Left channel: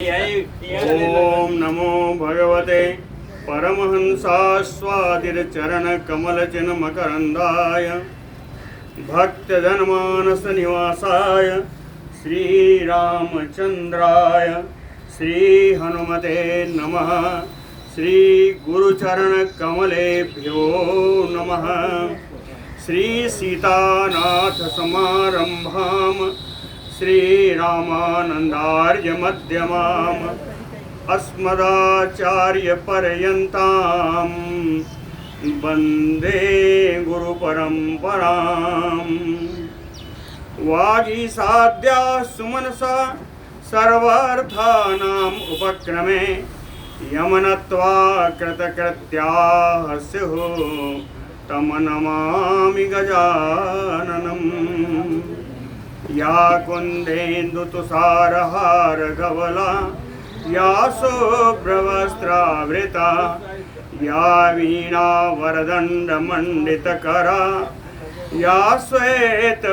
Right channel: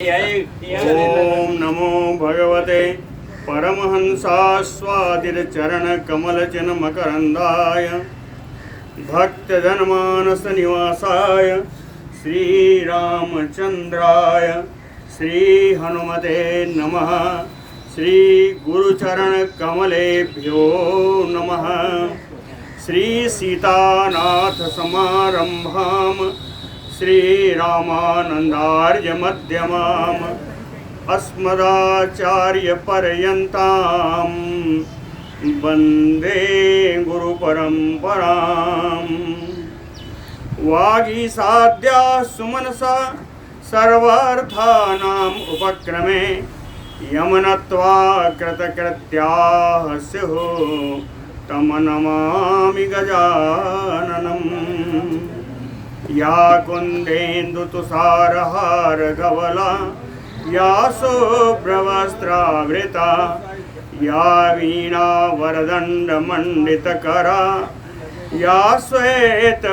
ओम नमो भगवते परमहंसास्वादितचरणकमलचिन्मकरन्दाय भक्तजनमानसनिवासाय श्रीरामचन्द्राय श्रीहनुमते नमः। श्रीगुरुचरणकमलेभ्यो नमः। श्रीसीतानाथसमारम्भाम् श्रीरामानन्दार्यमध्यमाम् अस्मदाचार्यपर्यन्तां वन्दे गुरुपरम्पराम्। वागीसाद्याः सुमनसा सर्वार्थानाम् उपक्रमे यमनत्वा कृतकृत्याः स्युः तं नमामि गजाननम्। या कुन्देन्दुतुषारहारधवला या शुभ्रवस्त्रावृता या वीणावरदण्डमण्डितकरा या श्वेतपद्मासना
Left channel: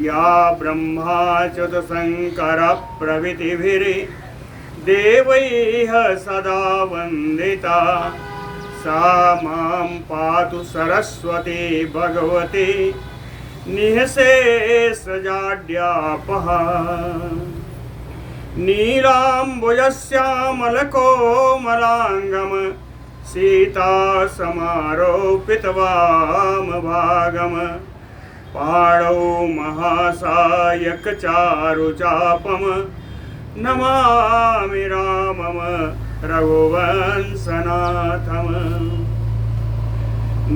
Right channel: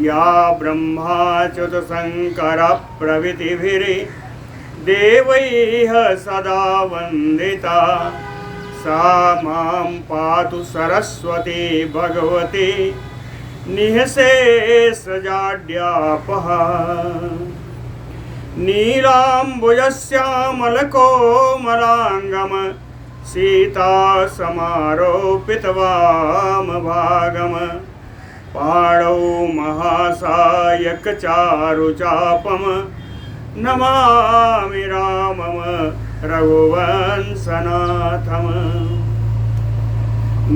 या ब्रह्माच्युतशङ्करप्रभृतिभिर्देवैः सदा वन्दिता सा मां पातु सरस्वती भगवती निःशेषजाड्यापहा। नीलाम्बुजश्यामलकोमलाङ्गं सीतासमारोपितवामभागं पाणौ महासायकचारुचापं नमामि रामं रघुवंशनाथम्।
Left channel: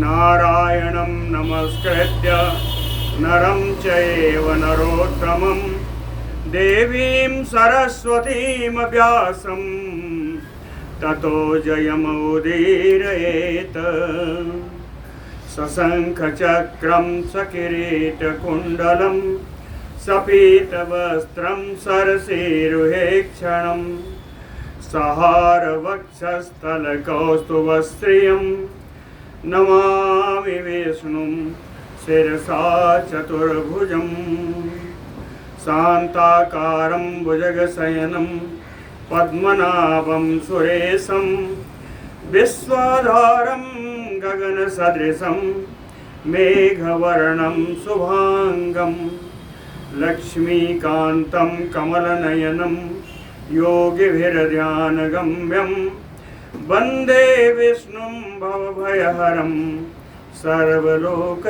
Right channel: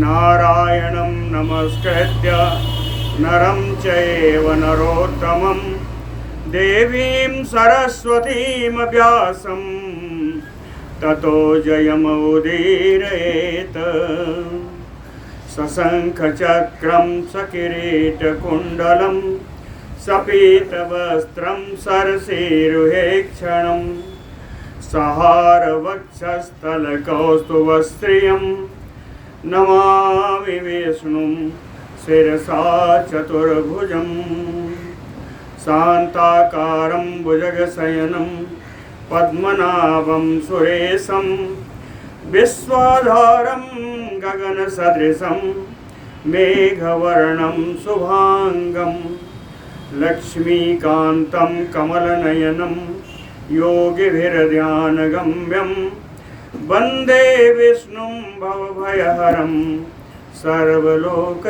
नारायणं नमस्कृत्य नरं चैव नरोत्तमं देवीं सरस्वतीं व्यासं ततो जयमुदीरयेत्। सशङ्खचक्रं सकिरीटकुण्डलं सपीतवस्त्रं सरसीरुहेक्षणं सहारवक्षस्थलकौस्तुभश्रियं नमामि विष्णुं शिरसा चतुर्भुजं शान्ताकारं भुजगशयनं पद्मनाभं सुरेशं विश्वाधारं गगनसदृशं मेघवर्णं शुभांगं लक्ष्मीकान्तं कमलनयनं योगिभिर्ध्यानगम्यं वन्दे विष्णुं भवभयहरं सर्वलोकैकनाथम्।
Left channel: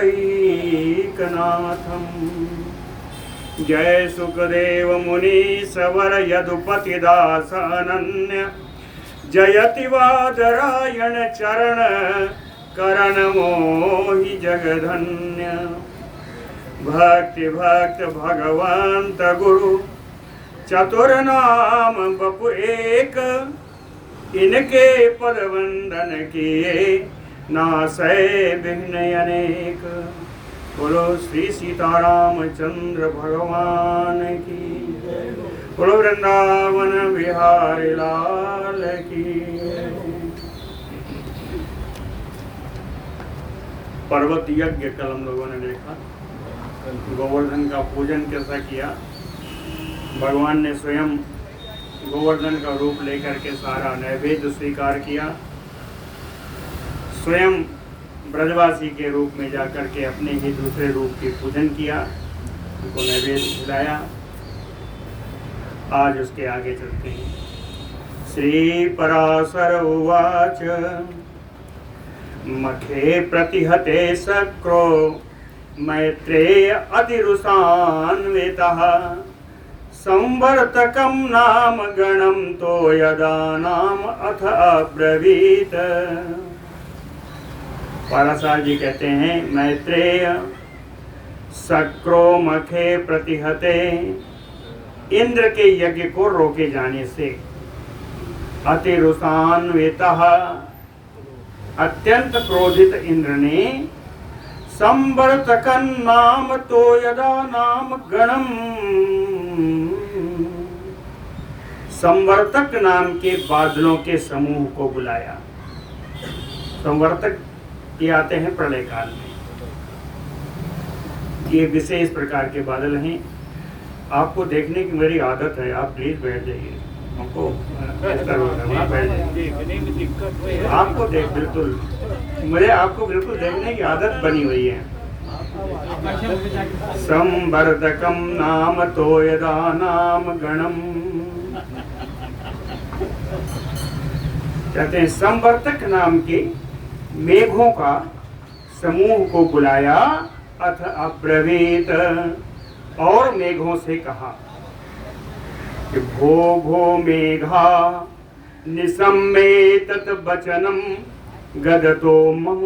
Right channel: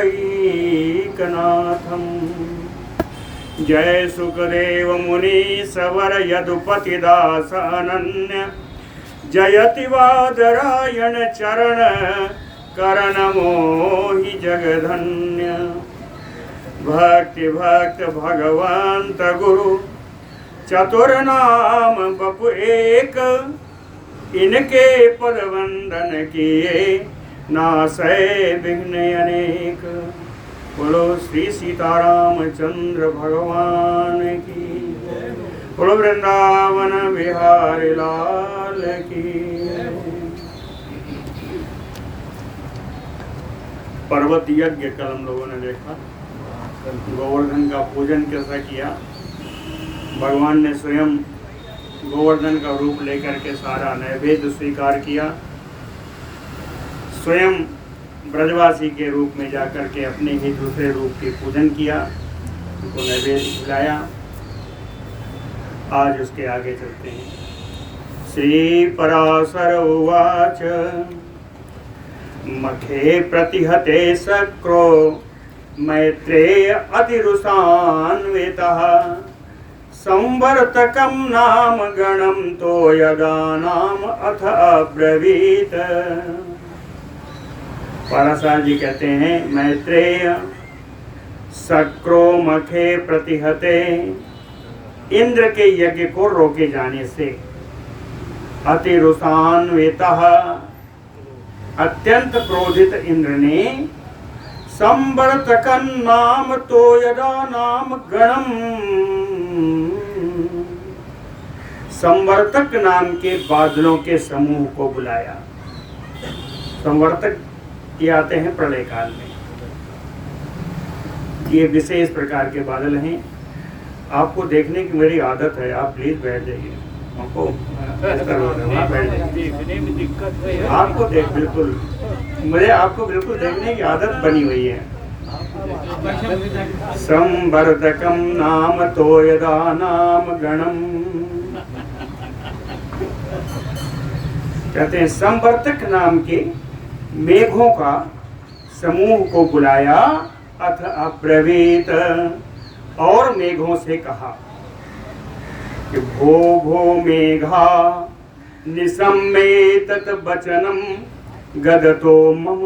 जय सुखदेव मुनि सवर यदुपतिदास अनन्य जयति वादरायण चरण करण मोहि जगधन्य। भक्ति भक्त भगवंत गुरु चतुर्नाम बपु एक इनके पद वंदन किए नासै विघ्न अनेक। बोलो श्री सीतारामचंद्र भगवान की, बोलो वृंदावन बिहारी लाल की। पर्वत यज्ञ कल हम लोगों ने देखा, गोवर्धन का पूजन कैसा किया। भगवान ने स्वयं गोवर्धन का रूप लेकर के सारा नैवेद्य स्वीकार किया। स्वयं ब्रजवासी के रूप में जाकर के अपने ही दूसरे रूप की पूजन किया, उनको नैवेद्य खिलाया। आज उसके आगे चलते हैं। श्री पराशर उवाच मखे प्रतिहते शक्रो मैत्रेय अतिरुषान्वितः संवर्तकं नाम गणं तो यदा नाम अथ अब्रवीत। पराशर जी कहते हैं मैत्रेय शक्रो मखे प्रतिहते, इंद्र के यज्ञ को रोके जाने से, अतिरुषान्वितः अत्यंत क्रोधित इंद्र ने, संवर्तकं नाम तो यदा नाम गणम, संवर्तक नाम के बादलों के समूह को बुलाया। संवर्तक ये आते हैं प्रलय काल में, ये विशेष प्रकार के बादल हैं आपको देखने की मेरी आदत है, आप प्लीज बैठ जाइए। हमको बैठ जाइए। देखने में दिक्कत हुई है। आपको देख बिल्कुल, मुझे आपको बिल्कुल देखने की आदत बनी हुई है। संवर्धकम नाम तो यदा नाम गणम, कहते हैं संवर्धक नाम के मेघों का समूह को बुलाया, अथ अब्रवीत, और मेघों से कहा कि भो भो मेघा निसम्मेतत वचनम गदतो मम,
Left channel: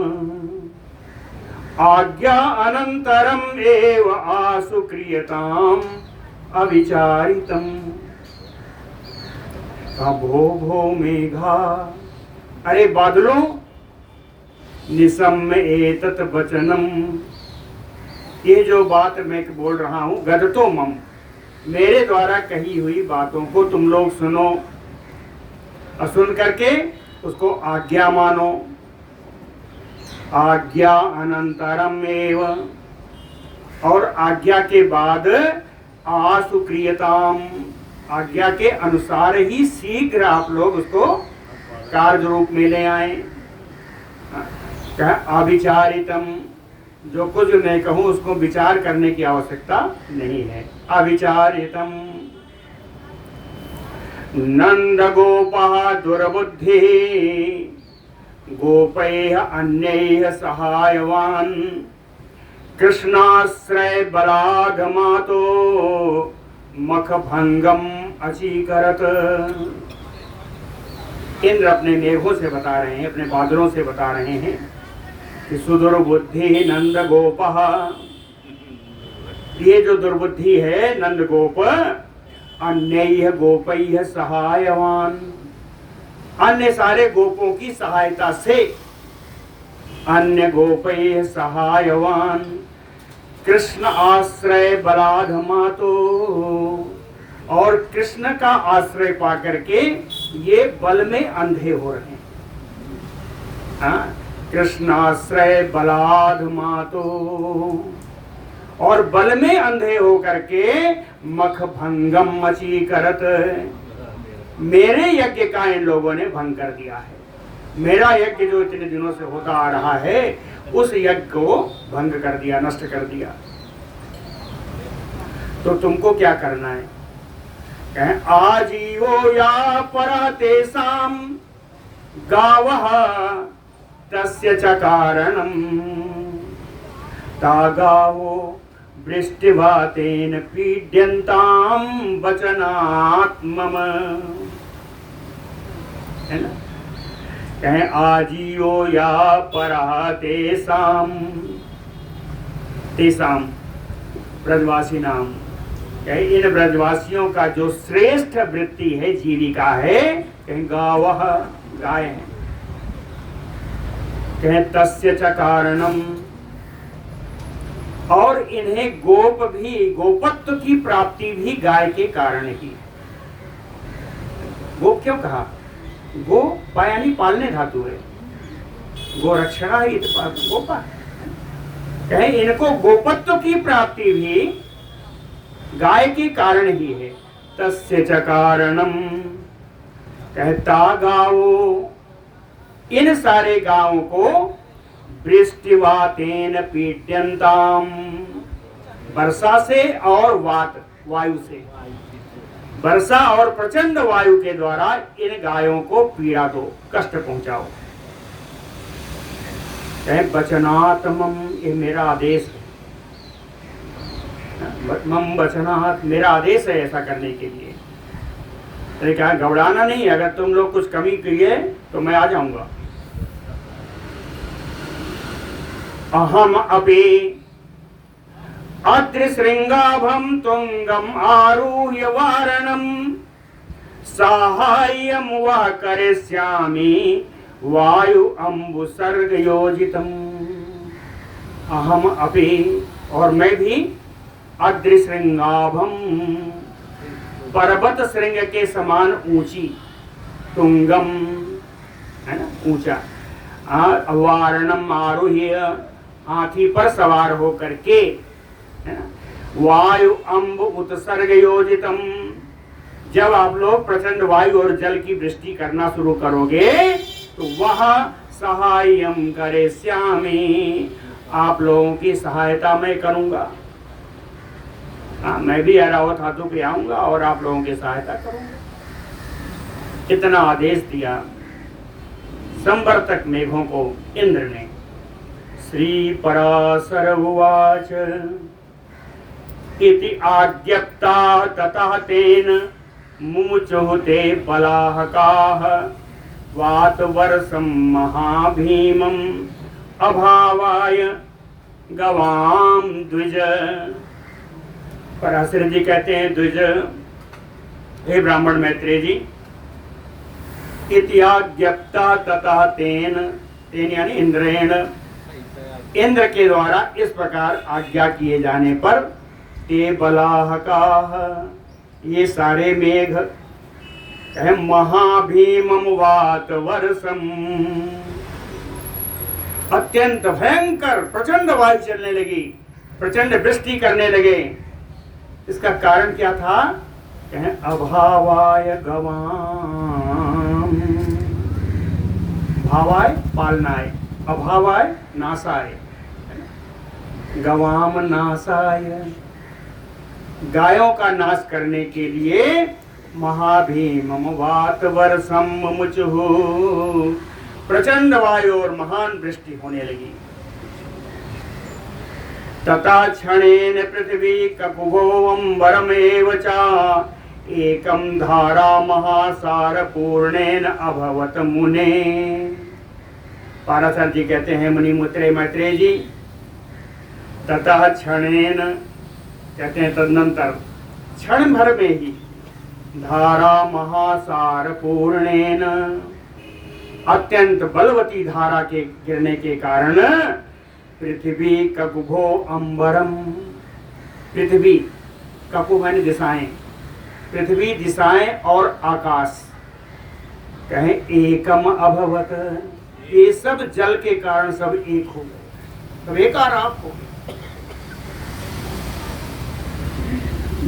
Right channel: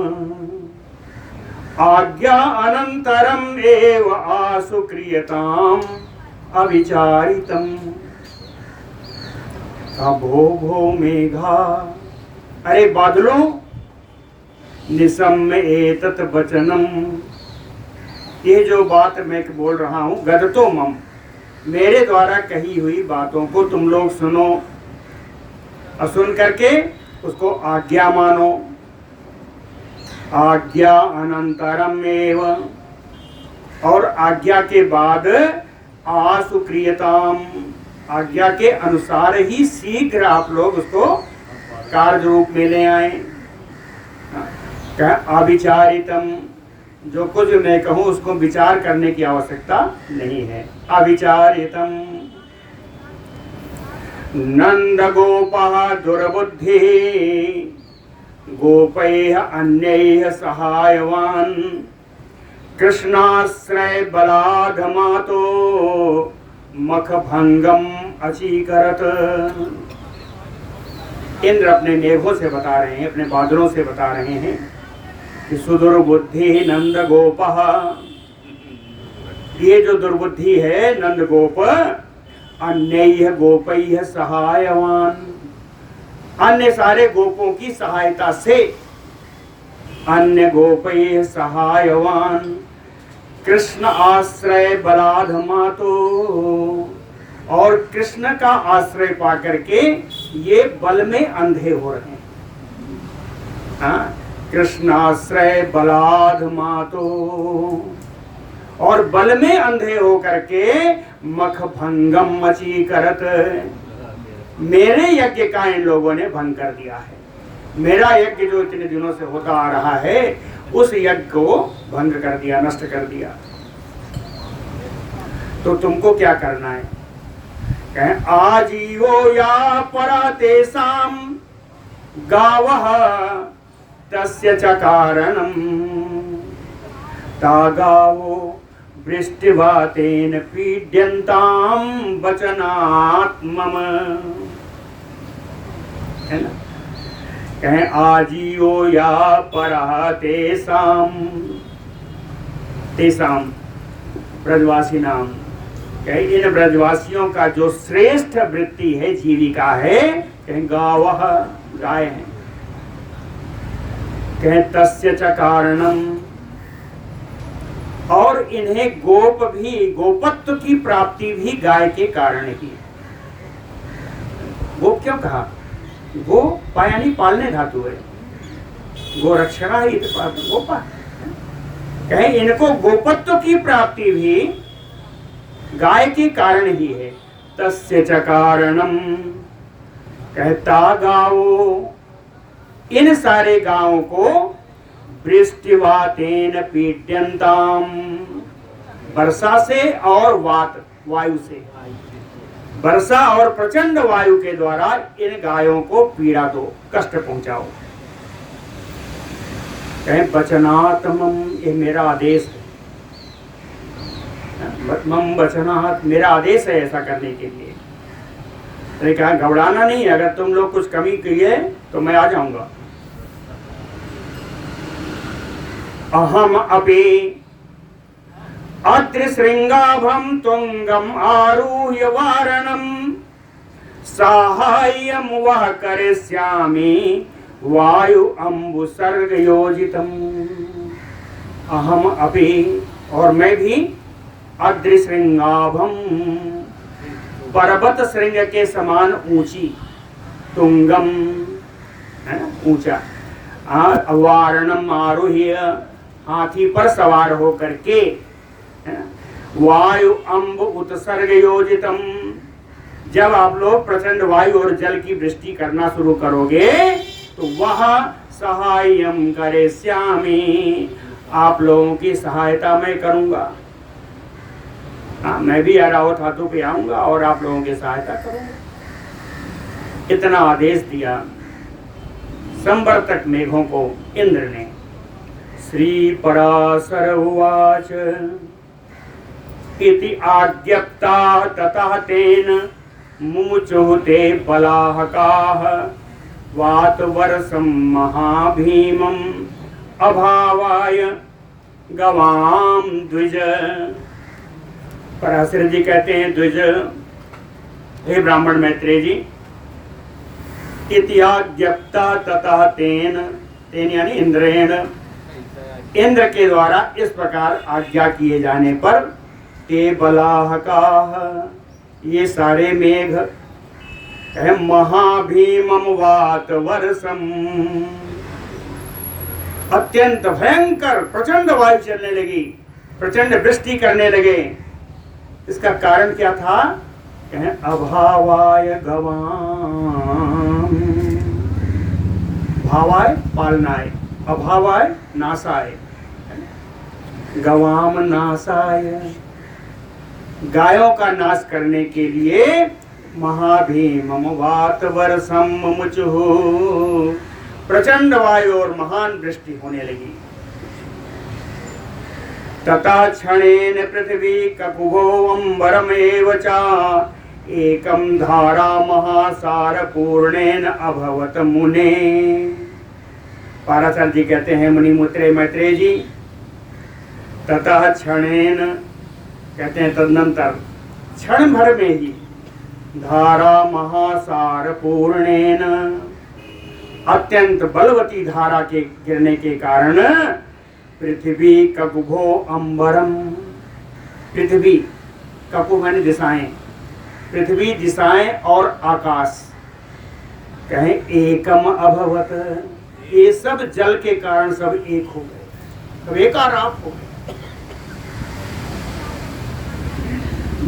आज्ञा अनंतरम एव आसु क्रियताम अविचारितम। भो भो मेघा, अरे बादलों, निसम्य एतत वचनम, ये जो बात मैं बोल रहा हूं, गदतो मम, मेरे द्वारा कही हुई बातों को तुम लोग सुनो, और सुन करके उसको आज्ञा मानो। आज्ञा अनंतरम एव, और आज्ञा के बाद आसु क्रियताम, आज्ञा के अनुसार ही शीघ्र आप लोग उसको कार्य रूप में ले आए। अविचारितम, जो कुछ मैं कहूं उसको विचार करने की आवश्यकता नहीं है। अविचारितम। नंद गोपः दुर्बुद्धि गोपैः अन्यैः सहायवान, कृष्णाश्रय बलाद मातो मख भंगम अचीकरत। इंद्र अपने मेघों से बता रहे हैं, अपने बादलों से बता रहे हैं कि सुदुर्बुद्धि नंद गोपः, ये जो दुर्बुद्धि है नंद गोप, अन्यैः गोपैः सहायवान, अन्य सारे गोपों की सहायता से, अन्य गोपैः सहायवान, कृष्ण आश्रय बलाध मातो, और कृष्ण का आश्रय पाकर के ये बल में अंधे हो रहे हैं। हाँ, कृष्ण आश्रय बलाध मातो, और बल में अंधे हो करके मख भंगम मची करत, मेरे यज्ञ का इन लोगों ने भंग कर दिया है। मेरा यज्ञ जो इतने दिनों से होता आ रहा है, उस यज्ञ को भंग कर दिया, नष्ट कर दिया। तो तुमको क्या करना है? कहें आजीवो या परा तेसाम गावः तस्य च कारणम, तागावो वृष्टिवातेन पीड्यन्ताम वचनात्मम, है ना? कहें आजीवो या परः तेसाम, तेसाम ब्रजवासी नाम, कहें इन ब्रजवासियों का जो श्रेष्ठ वृत्ति है, जीविका है, कहें गावः, गाय है। कहें तस्य च कारणम, और इन्हें गोप भी, गोपत्व की प्राप्ति भी गाय के कारण ही। गोप क्यों कहा? गो पायानी पालने धातु है, गो रक्षणा ही गोपा। कहे इनको गोपत्व की प्राप्ति भी गाय के कारण ही है। तस्य च कारणम, कहता गावो, इन सारे गांवों को वृष्टिवातेन पीड्यन्ताम, वर्षा से और वात वायु से, वर्षा और प्रचंड वायु के द्वारा इन गायों को पीड़ा दो, कष्ट पहुंचाओ। कहें वचनात्मम, ये मेरा आदेश है। मम वचनात्, मेरा आदेश है ऐसा करने के लिए। तो कहा घबराना नहीं, अगर तुम लोग कुछ कमी किए तो मैं आ जाऊंगा। अहम अपि अत्रिशृंगाभम तुंगम आरुह्य वारणम, साहाय्यम वह करिष्यामि वायु अम्बुसर्ग योजितम। अहम अपि, और मैं भी, अद्रिशृंगाभम, पर्वत श्रृंग के समान ऊंची, तुंगम है ना, ऊंचा, वारणम आरुह्य, हाथी पर सवार होकर के, वायु अम्ब उत्सर्ग योजितम, जब आप लोग प्रचंड वायु और जल की वृष्टि करना शुरू करोगे तो वह सहायम करे श्यामी, आप लोगों की सहायता मैं करूंगा। मैं भी ऐरावत हाथों पे आऊंगा और आप लोगों की सहायता करूंगा। इतना आदेश दिया संवर्तक मेघों को इंद्र ने। श्री पराशर उवाच इति आज्ञप्ता ततः तेन मुमुचुः ते बलाहकाः वातवर्षं महाभीमम् अभावाय गवाम द्विज। पराशर जी कहते हैं, द्विज, हे ब्राह्मण मैत्रेय जी, इत्याज्ञप्ता ततः तेन, तेन यानी इंद्रेण, इंद्र के द्वारा इस प्रकार आज्ञा किए जाने पर ते बलाहकाः, ये सारे मेघ महाभीमम वात वर्षम, अत्यंत भयंकर प्रचंड वायु चलने लगी, प्रचंड वृष्टि करने लगे। इसका कारण क्या था? कहें अभावाय गवाम, भावाय पालनाय, अभावाय नाशाय, गवाम नाशाय, गायों का नाश करने के लिए महाभीमम वात वर्षम मुमुचुः, प्रचंड वायु और महान वृष्टि होने लगी। तथा क्षणेन पृथ्वी ककुभो अम्बरमेव च एकम धारा महासार पूर्णेन अभवत मुने। पाराशर जी कहते हैं, मुनिमुत्रे मैत्रेय जी, ततः क्षणेन कहते हैं तदनंतर, क्षण भर में ही धारा महासार पूर्णेन, अत्यंत बलवती धारा के गिरने के कारण पृथ्वी ककुभो अम्बरम, पृथ्वी ककुभ यानी दिशाएं, पृथ्वी दिशाएं और आकाश कहें एकम अभवत, ये सब जल के कारण सब एक हो गए, सब एकाराप हो गए।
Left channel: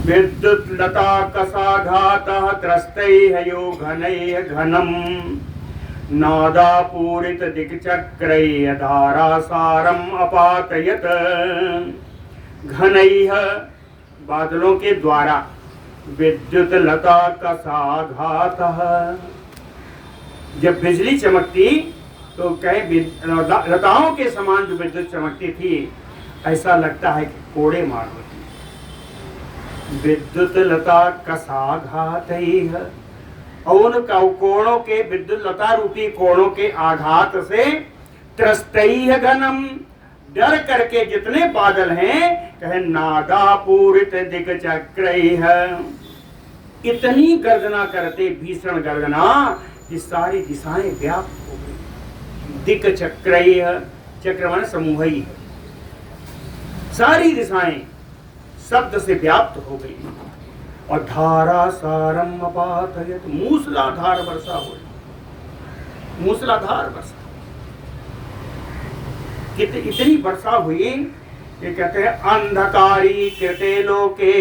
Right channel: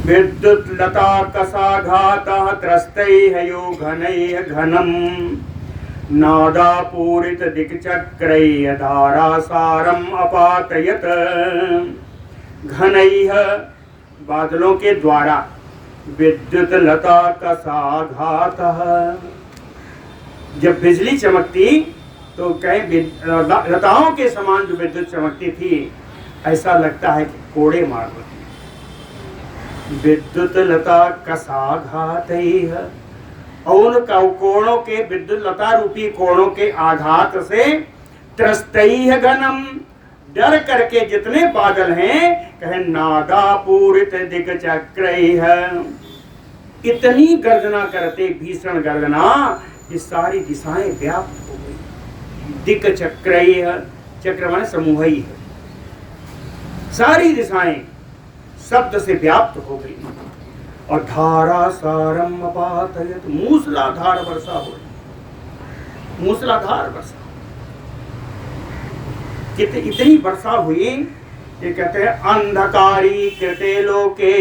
विद्युत लता कसाघातः त्रस्तैः यो घनैः घनम नादापूरित दिक्चक्रैः धारासारम अपातयत। घनैः बादलों के द्वारा, विद्युत लता कसाघातः, जब बिजली चमकती तो कहीं लताओं के समान जो विद्युत चमकती थी, ऐसा लगता है कि कोड़े मार देती। विद्युत लता कसाघातैः, और उन कोणों के, विद्युत लता रूपी कोणों के आघात से, त्रस्तैः घनम, डर करके जितने बादल हैं, कहे नादापूरित दिक्चक्रैः, इतनी गर्जना करते, भीषण गर्जना कि सारी दिशाएं व्याप्त हो गई। दिक्चक्रैः, चक्र माने समूह ही है, सारी दिशाएं शब्द से व्याप्त हो गई। और धारा सारम अपातयत, मूसलाधार वर्षा हो, मूसलाधार वर्षा, इतनी वर्षा हुई, ये कहते हैं अंधकारी कृते लोके,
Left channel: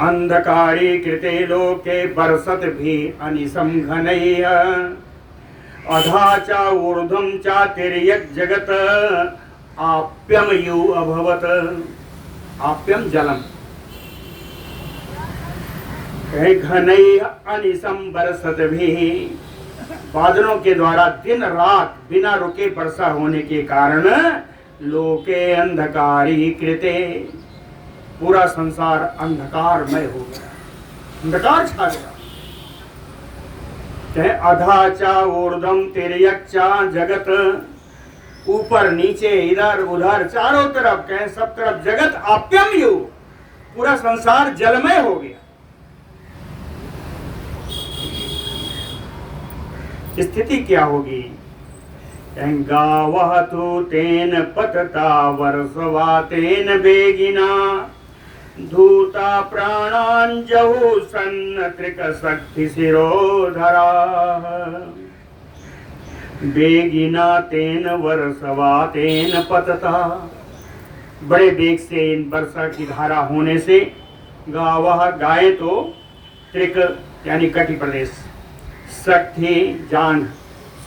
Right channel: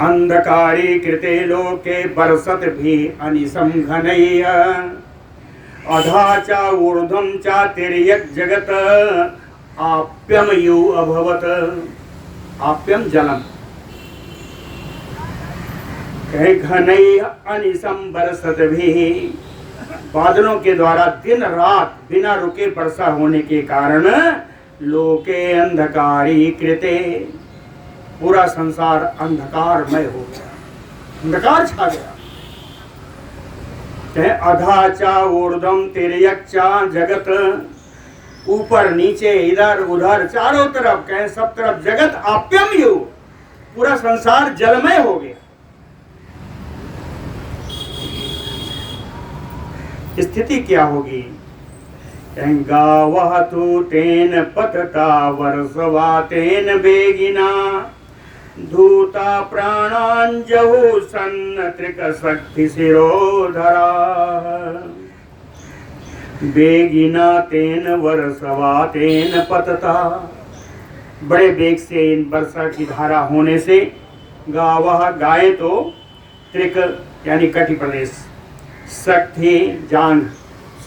अंधकारी कृते लोके बरसत भी अनिसम घनैः अधा च ऊर्ध्वं च तिर्यक् जगत आप्यम यु अभवत। आप्यम जलम, कहे घनैः अनिसम बरसत भी, बादलों के द्वारा दिन रात बिना रुके वर्षा होने के कारण लोके अंधकारी कृते, पूरा संसार अंधकारमय हो गया, अंधकार छा गया। कहे अधा चा ऊर्ध्वं तिर्यक् चा जगत, ऊपर नीचे इधर उधर चारों तरफ, कहे सब तरफ जगत आप्यम यु, पूरा संसार जलमय हो गया। स्थिति क्या होगी? गावः तु तेन पतता वर्षवा तेन बेगिना धूता प्राणांजहु सन्नत्रिक शक्ति शिरोधरा। बेगिना तेन वर्षवा तेन पतता, बड़े वेग से इन वर्षा की धारा होने से गावह गाय तो त्रिक यानी कटि प्रदेश, शक्ति जांघ,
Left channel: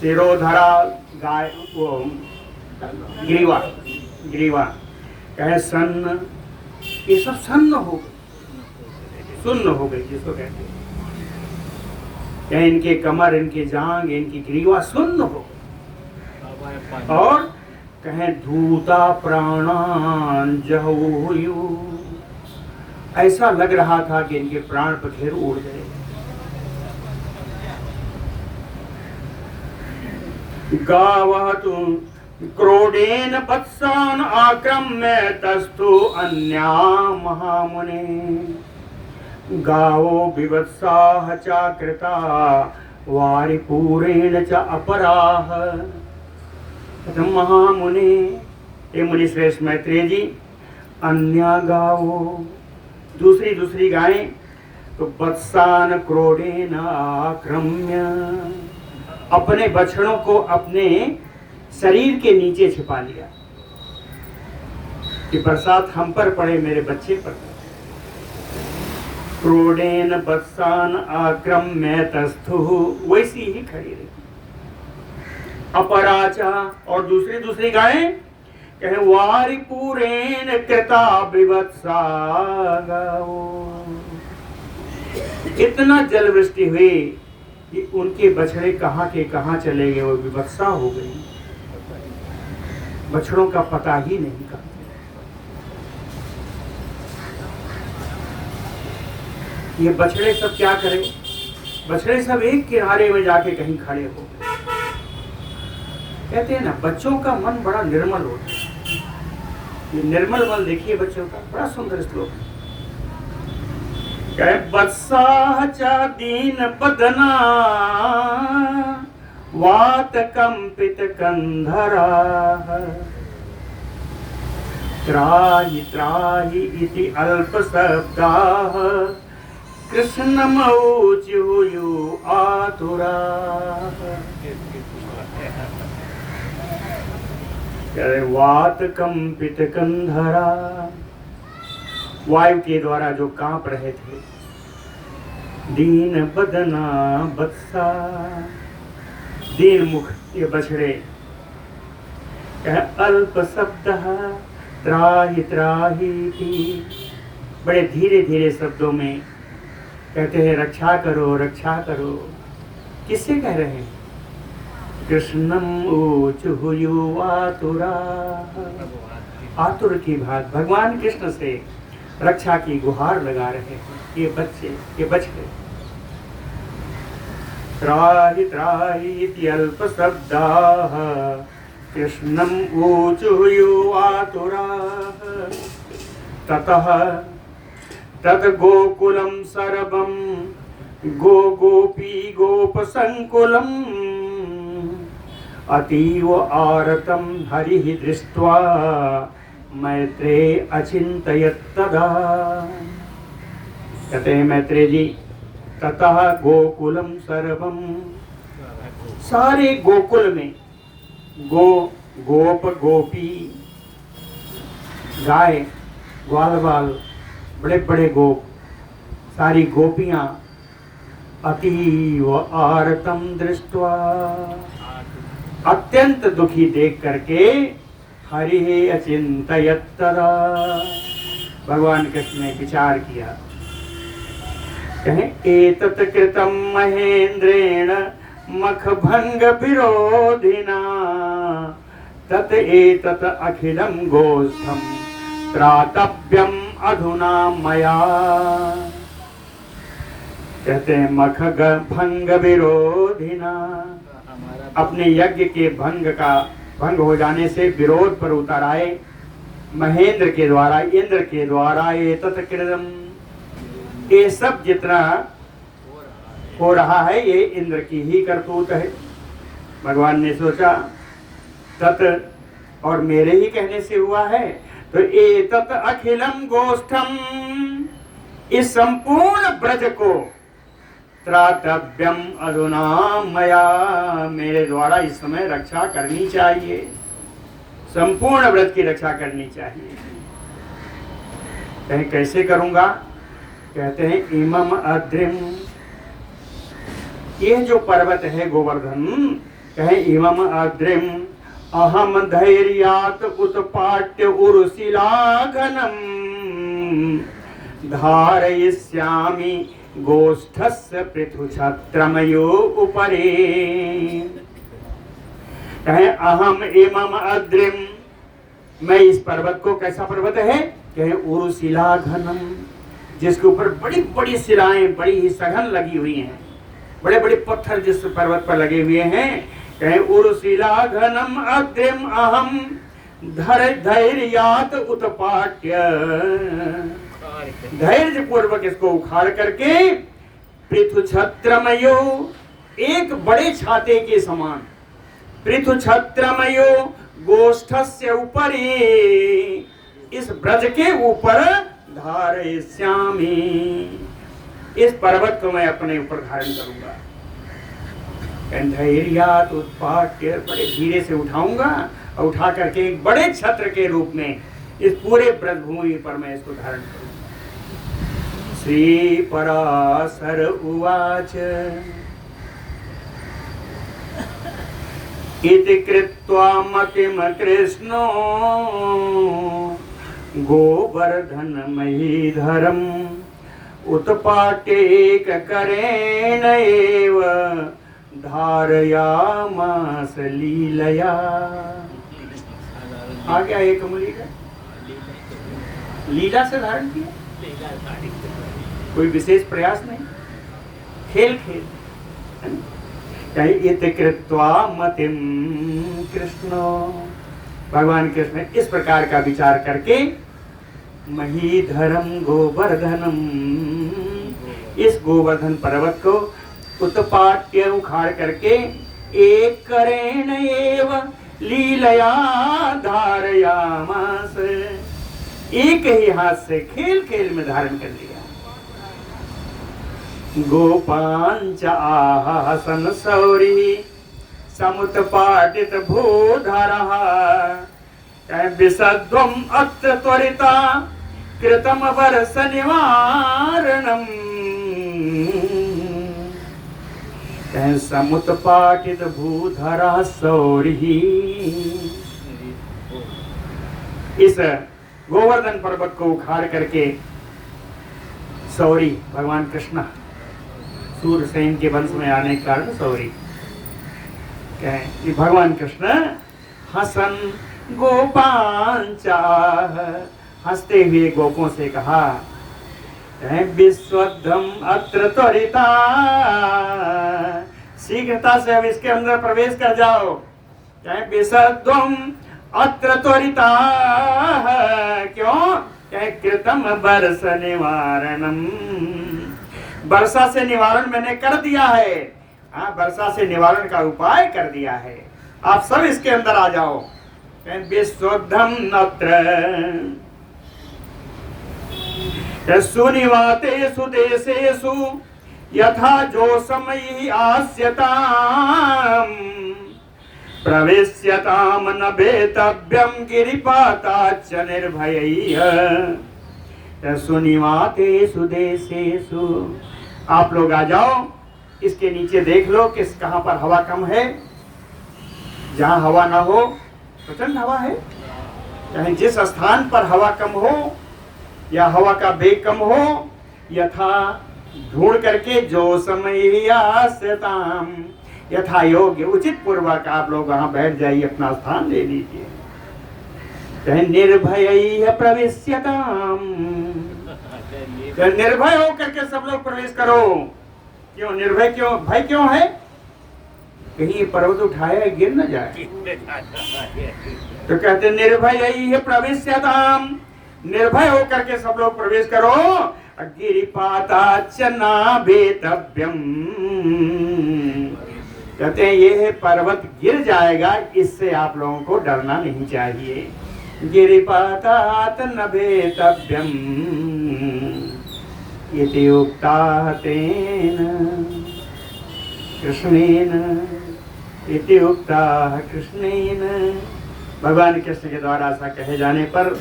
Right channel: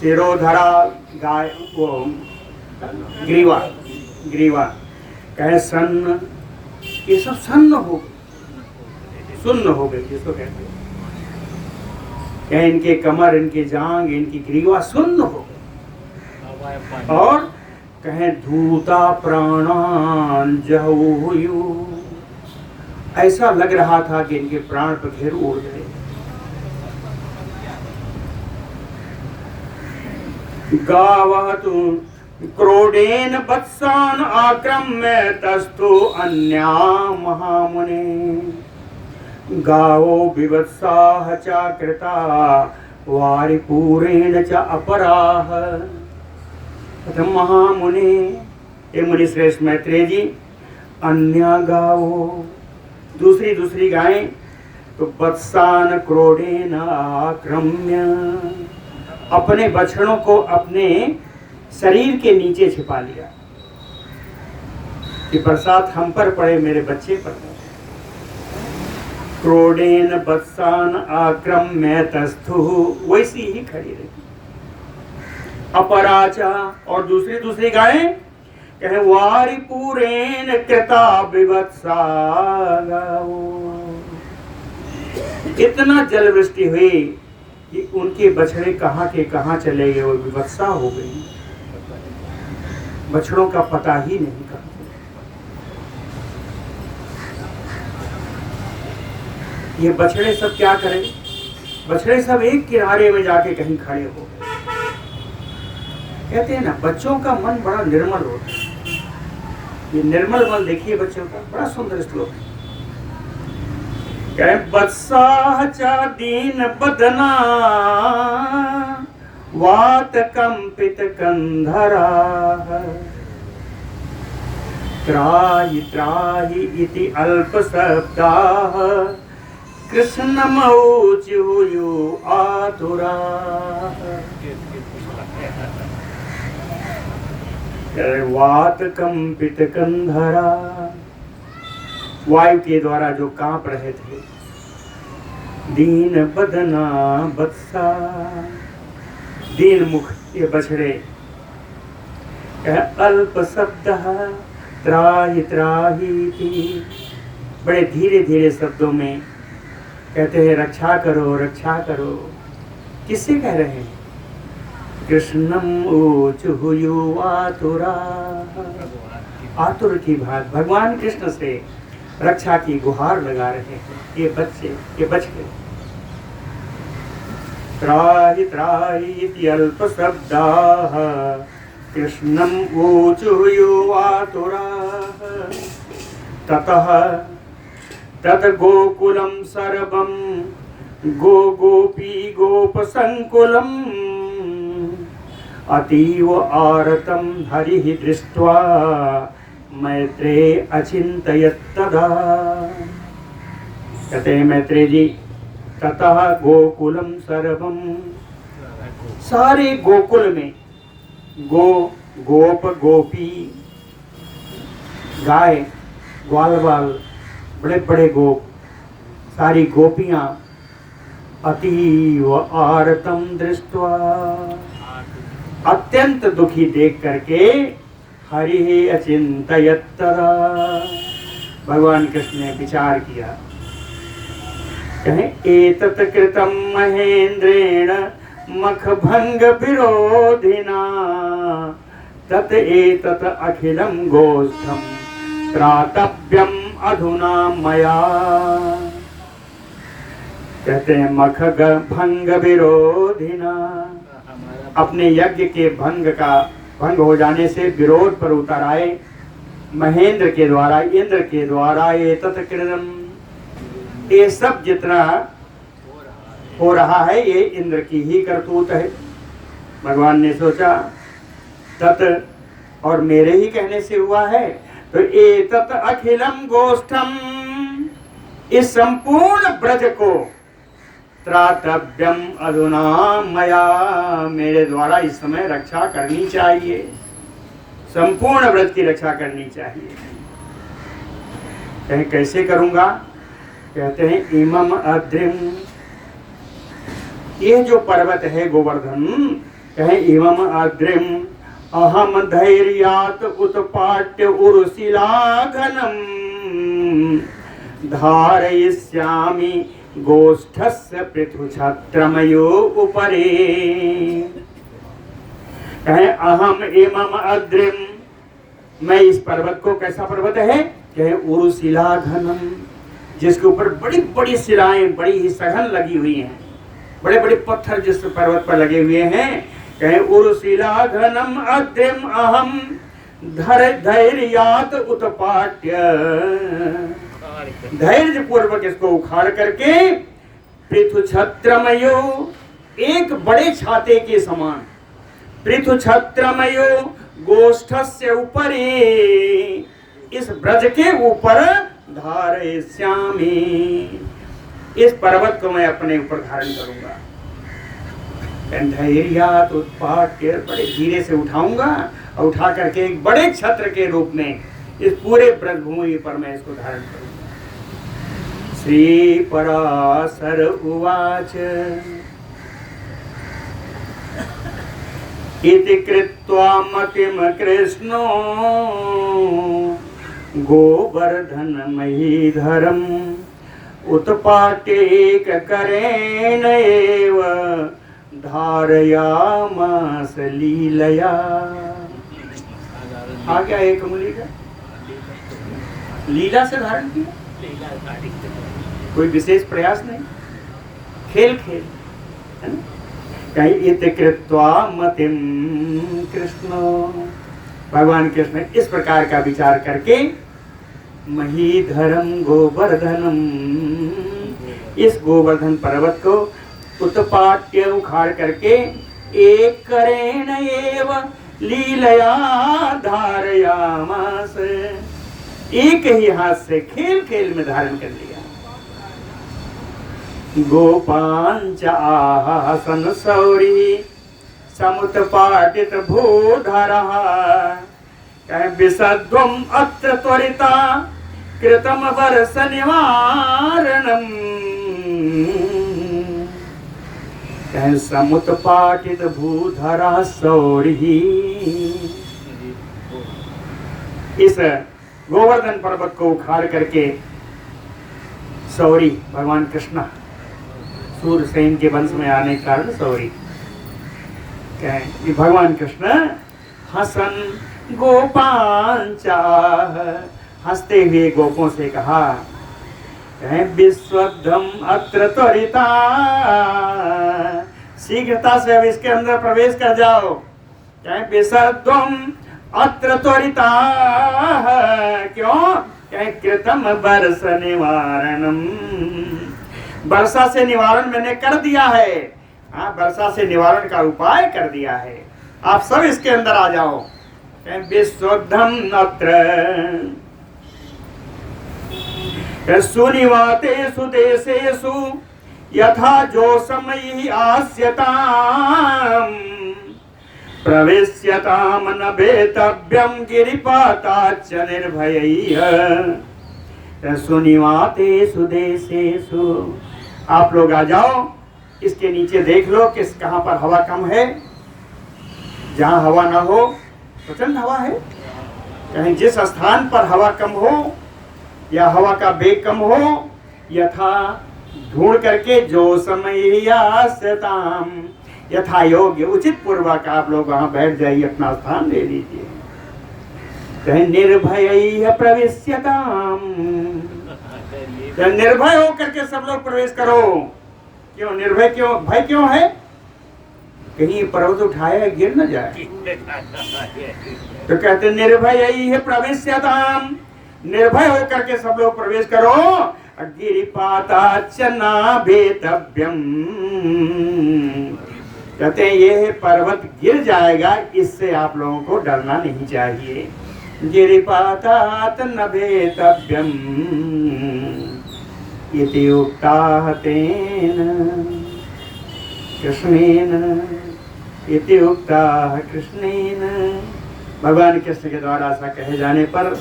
सिरोधरा गाय वो ग्रीवा ग्रीवा कहे सन्न, ये सब सन्न हो सुन्न हो गई जिसको कहते हैं। कहे इनके कमर, इनके जांग, इनकी ग्रीवा सुन्न हो गई। और कहे धूता प्राणान जहुयु, ऐसा लग रहा था कि इनके प्राण पखेरु उड़ गए। गावहतु क्रोडेन वत्सान आक्रम्य तस्थु अन्या महामुने, गावो विवत्साह चाकृता वारिपूरेण च अपराह। महामुने, ये मुनि श्रेष्ठ मैत्रेय जी, अन्या गावो दूसरी गायें तो वत्सान क्रोडेन आक्रम्य, अपने बछड़ों को अपने शरीर के नीचे छिपा लिया कि बरसात हम पर पड़े, मेरे बच्चे पर। क्रोडेन वत्सान आक्रम्य तस्थु, वैसी ही खड़ी रही। अपराचा, और दूसरी गायें कहे वारिपूरेण कृता विवत्सा गावो, इतना जल वृष्टि हुई कि उनके बछड़े कहाँ के कहाँ चले गए, वो विवत्सा हो गई, बछड़ों का पता ही नहीं करते। ये बछड़े सब क्या करें, बछड़े सब एक किनारे में जाके कहीं खड़े हो गए। कहते हैं ना, बच्चों का मन बड़ा निर्मल होता है। ये निर्मल मन देखिए बच्चों का, बड़ा सुंदर श्लोक है। कहे वत्साह च दीन बदना वात कंपित कंधरा, त्राहि त्राहि इति अल्प शब्दाः कृष्णमौच्युयु आतुराः। वात कंपित कंधरा, वायु के द्वारा जो कांप रहे थे। दीन बदना बत्सा, दीन मुख ये बछड़े। अल्प शब्द त्राहि त्राहि, बड़े धीरे धीरे शब्दों में कहते हैं रक्षा करो रक्षा करो। किससे कह रहे हैं? कृष्णम ऊचुहुयु आतुरा, आतुर की भांति भगवान कृष्ण से रक्षा की गुहार लगा रहे हैं ये बच्चे, ये बछड़े। त्राहि त्राहि इति अल्प शब्दाः कृष्णम ऊचुहुयु आतुराः। ततः तत् गोकुलं सर्वं गो गोपी गोप संकुलम् अतीव आरतं हरिः दृष्ट्वा मैत्रेय अचिंतयत् तदा। कहते हैं मैत्रेय जी, ततः गोकुलम सर्वम, सारे गोकुल में गो गोप गोपी, गाय ग्वाल बाल, बड़े बड़े गोप, सारी गोपियां अतीव आरतम दृष्ट्वा, अत्यंत दुखी देख करके हरि अचिंतयत् तदा, भगवान कृष्ण ने विचार किया। कहें एतत् कृतं महेंद्रेण मखभंग विरोधिना तत् एतत् अखिलं गोष्ठं त्रातव्यम् अधुना मया। कहते हैं मख भंग विरोधिना, अपने यज्ञ के भंग हो जाने से विरोध पर उतर आए महेंद्र के द्वारा, इंद्र के द्वारा। ये तत्कृतम, ये सब जितना हो रहा है ये इंद्र की ही करतूत है। भगवान ने सोचा तत् और मेरे ही कहने से हुआ है, तो ये तत् अखिलम गोष्ठम, इस संपूर्ण ब्रज को त्रातव्यम अधुना मया, मेरे द्वारा इस समय रक्षा करनी चाहिए, संपूर्ण व्रत की रक्षा करनी चाहिए। कहें कैसे करूँगा? कहते हैं इमम अद्रिम, ये जो पर्वत है गोवर्धन, कहें इमम अद्रिम अहम धैर्यात उत्पाट्य उर्शिलाघनम धारयिष्यामि गोष्ठस्य पृथुछत्रमयो उपरे। कहे अहम इमम अद्रिम, मैं इस पर्वत को, कैसा पर्वत है? कहे उर्शिला घनम, जिसके ऊपर बड़ी बड़ी शिलाएं बड़ी ही सघन लगी हुई हैं, बड़े बड़े पत्थर जिस पर्वत पर लगे हुए हैं। कहे उर्शिला घनम अद्रिम अहम धैर्यात उत्पाट्य, धैर्य पूर्वक इसको उखाड़ करके पृथुछत्रमयो, एक बड़े छाते के समान, पृथुछत्रमयो गोष्ठस्य उपरि, इस ब्रज के ऊपर धारयिष्यामि, इस पर्वत को मैं अपने ऊपर धारण करूंगा। धैर्यात उत्पाट्य, बड़े धीरे से उठाऊंगा और उठा करके एक बड़े छत्र के रूप में इस पूरे ब्रजभूमि पर मैं इसको धारण करूंगा। श्री पराशर उवाच इति कृत्वा मतिम कृष्णो गोवर्धन महीधरम उत्पाटेक करेण एव धारयामास लीलया। आ गया एक मुली का, लीला से धारण किया, कोई विशेष प्रयास नहीं, खेल खेल है ना? इति कृत्वा मतिम कृष्ण, भगवान कृष्ण इस प्रकार का विचार करके महीधरम गोवर्धनम, इस गोवर्धन पर्वत को उत्पाट्य उखाड़ करके एक करेण एव लीलया धारयामास, एक ही हाथ से खेल खेल में धारण कर लिया। गोपांच आसन सौरी समुत्पाटित भूधरः विसध्वम अत्र त्वरिता कृतम वर्ष निवारणम। समुत्पाटित भूधरः सौरी, इस गोवर्धन पर्वत को उखाड़ करके सौरी भगवान कृष्ण, सूरसेन के वंश में आने के कारण सौरी, भगवान कृष्ण हसन गोपांचा, हंसते हुए गोपों से कहा विश्वधम अत्र त्वरिता, शीघ्रता से अब इसके अंदर प्रवेश कर जाओ। विश्वधम अत्र त्वरिता, क्यों? कृतम वर्ष निवारणम, वर्षा से निवारण मैंने कर दिया है। हाँ, वर्षा से निवारण का उपाय कर दिया है, आप सब इसके अंदर आ जाओ। विश्वधम अत्र सुनिवातेषु देशेषु यथा जो समय आस्यताम प्रवेश्यताम न वेतव्यम गिरिपाताच्च निर्भयैः। सुनिवातेषु देशेषु, आप लोग आ जाओ, इसके नीचे देख लो कि कहाँ पर हवा कम है, जहाँ हवा ना हो प्रचंड हवा है, कहीं जिस स्थान पर हवा कम हो या हवा का वेग कम हो, यथा ढूंढ करके जो समय आस्यताम, यथा योग्य उचित पूर्वक आप लोग वहां बैठ जाइए, अपना स्थान ले लीजिए। निर्भय प्रवेश्यताम, निर्भय होकर के सब लोग प्रवेश करो। क्यों निर्भय, क्यों भय क्यों है? कहीं पर्वत उठाया गिर न जाए, तो कहते निर्भय प्रवेश्यताम, निर्भय होकर के सब लोग प्रवेश करो। गिरिपाताच्च न वेतव्यम, कहते हैं ये पर्वत गिर जाएगा, इससे आप लोगों को डरना नहीं चाहिए। गिरिपातात न वेतव्यम इति उक्ताः तेन कृष्णेन, इति उक्ताः कृष्णेन, भगवान कृष्ण के द्वारा ऐसा कहे जाने पर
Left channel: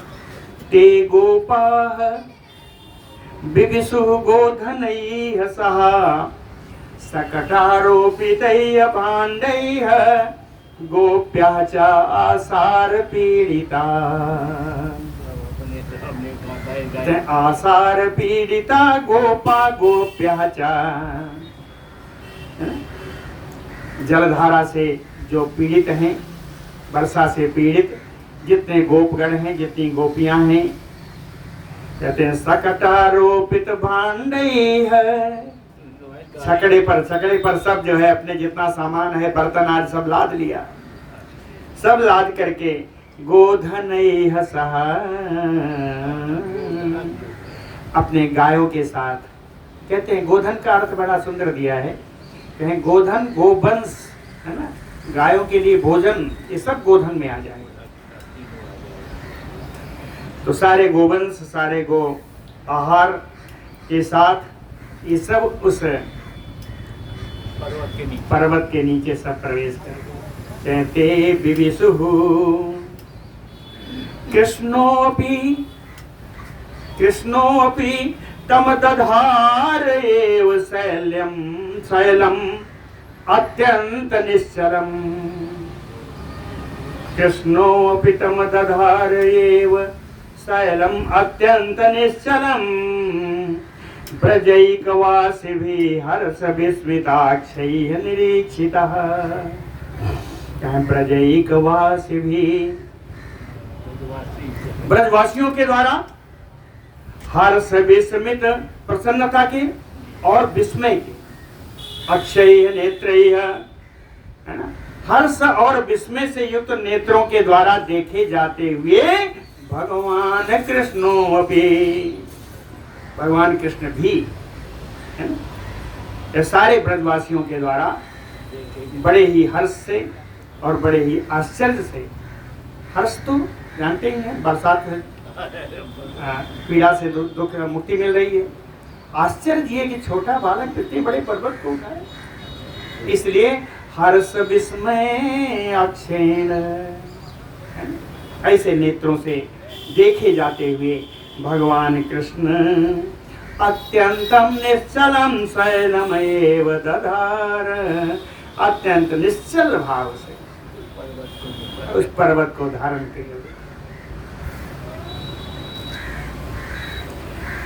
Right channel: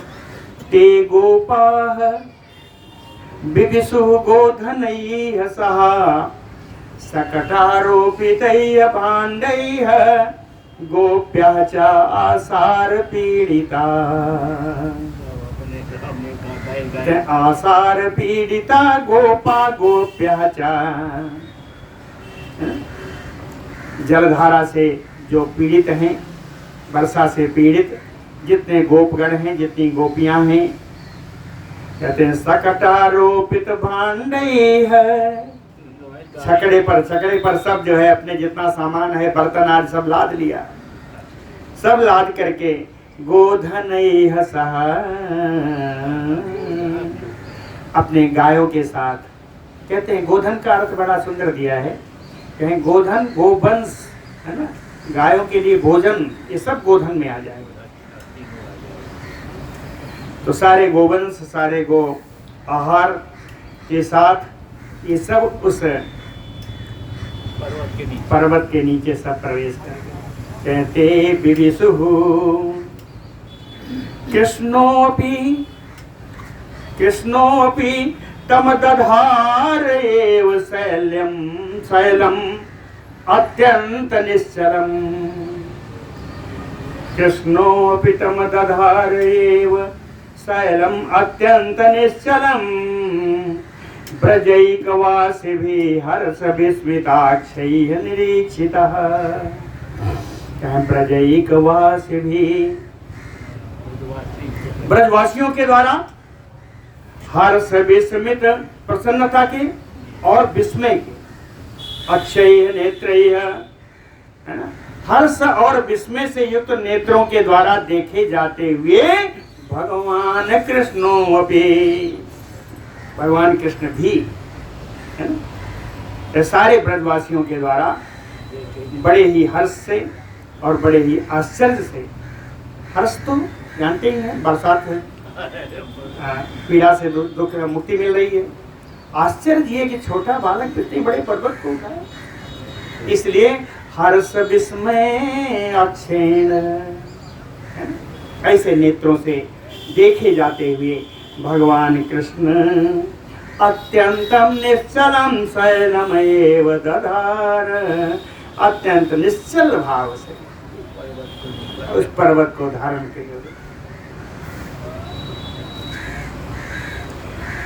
ते गोपाः बिभिषुः गोधनैः सह सकटारोपितैः पाण्डैः गोप्यः च आसार पीडिता। आसार पीडिता गोपा गोप्यः च। जलधारा से जो पीड़ित हैं, वर्षा से पीड़ित जितने गोपगण हैं, जितनी गोपियां हैं, कहते हैं सकटारोपित भाण्डैः। छकड़े पर सब जो है अपने जितना सामान है, बर्तन आज सब लाद लिया, सब लाद करके गोधनैः सह, अपने गायों के साथ। कहते हैं गोधन का अर्थ बड़ा सुंदर दिया है, कहें गोधन गोवंश है ना, गायों के लिए भोजन, ये सब गोधन में आ जाएंगे। तो सारे गोवंश, सारे गो आहार के साथ ये सब उस पर्वत के नीचे सब प्रवेश करेंगे। कहते बिभिषुः कृष्णोऽपि तम दधार एव शैलम अत्यंत निश्चलम। कृष्णोऽपि तम दधार एव शैलम अत्यंत निश्चलम। ब्रजैकवासिभिः हर्ष विस्मिताक्षैः निरीक्षितः। ब्रजैकवासिभिः, ब्रजवासियों के द्वारा हर्ष विस्मित, प्रसन्नता के और विस्मय के, अक्षय नेत्रैः, है ना, हर्ष और विस्मय से युक्त नेत्रों के द्वारा देखे जाते हुए भगवान कृष्णोऽपि, भगवान कृष्ण भी, है ना, सारे ब्रजवासियों के द्वारा बड़े ही हर्ष से और बड़े ही आश्चर्य से। हर्ष तो जानते ही हैं, बरसात है, पीड़ा से दुख मुक्ति मिल रही है। आश्चर्य ये कि छोटा बालक इतने बड़े पर्वत को उठाए, इसलिए हर्ष विस्मय अक्षेण, ऐसे नेत्रों से देखे जाते हुए भगवान कृष्ण अत्यंतम निश्चलम शैलमेव दधार, अत्यंत निश्चल भाव से उस पर्वत को धारण किए।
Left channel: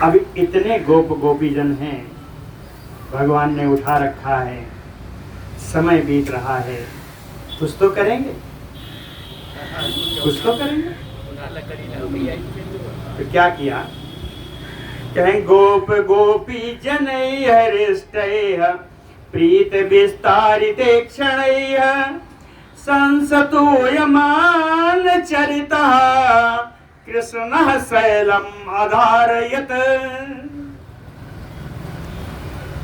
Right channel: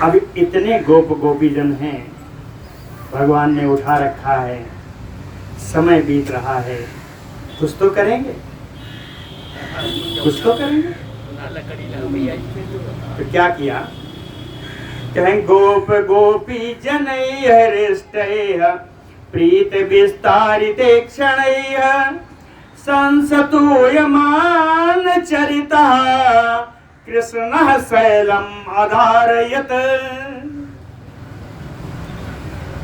अभी इतने गोप गोपीजन हैं, भगवान ने उठा रखा है, समय बीत रहा है, कुछ तो करेंगे, कुछ तो करेंगे। तो क्या किया? कहें गोप गोपी जनैः हृष्टैः प्रीत विस्तारिते क्षणैः संसतूयमान चरितः कृष्णः शैलम् अधारयत्।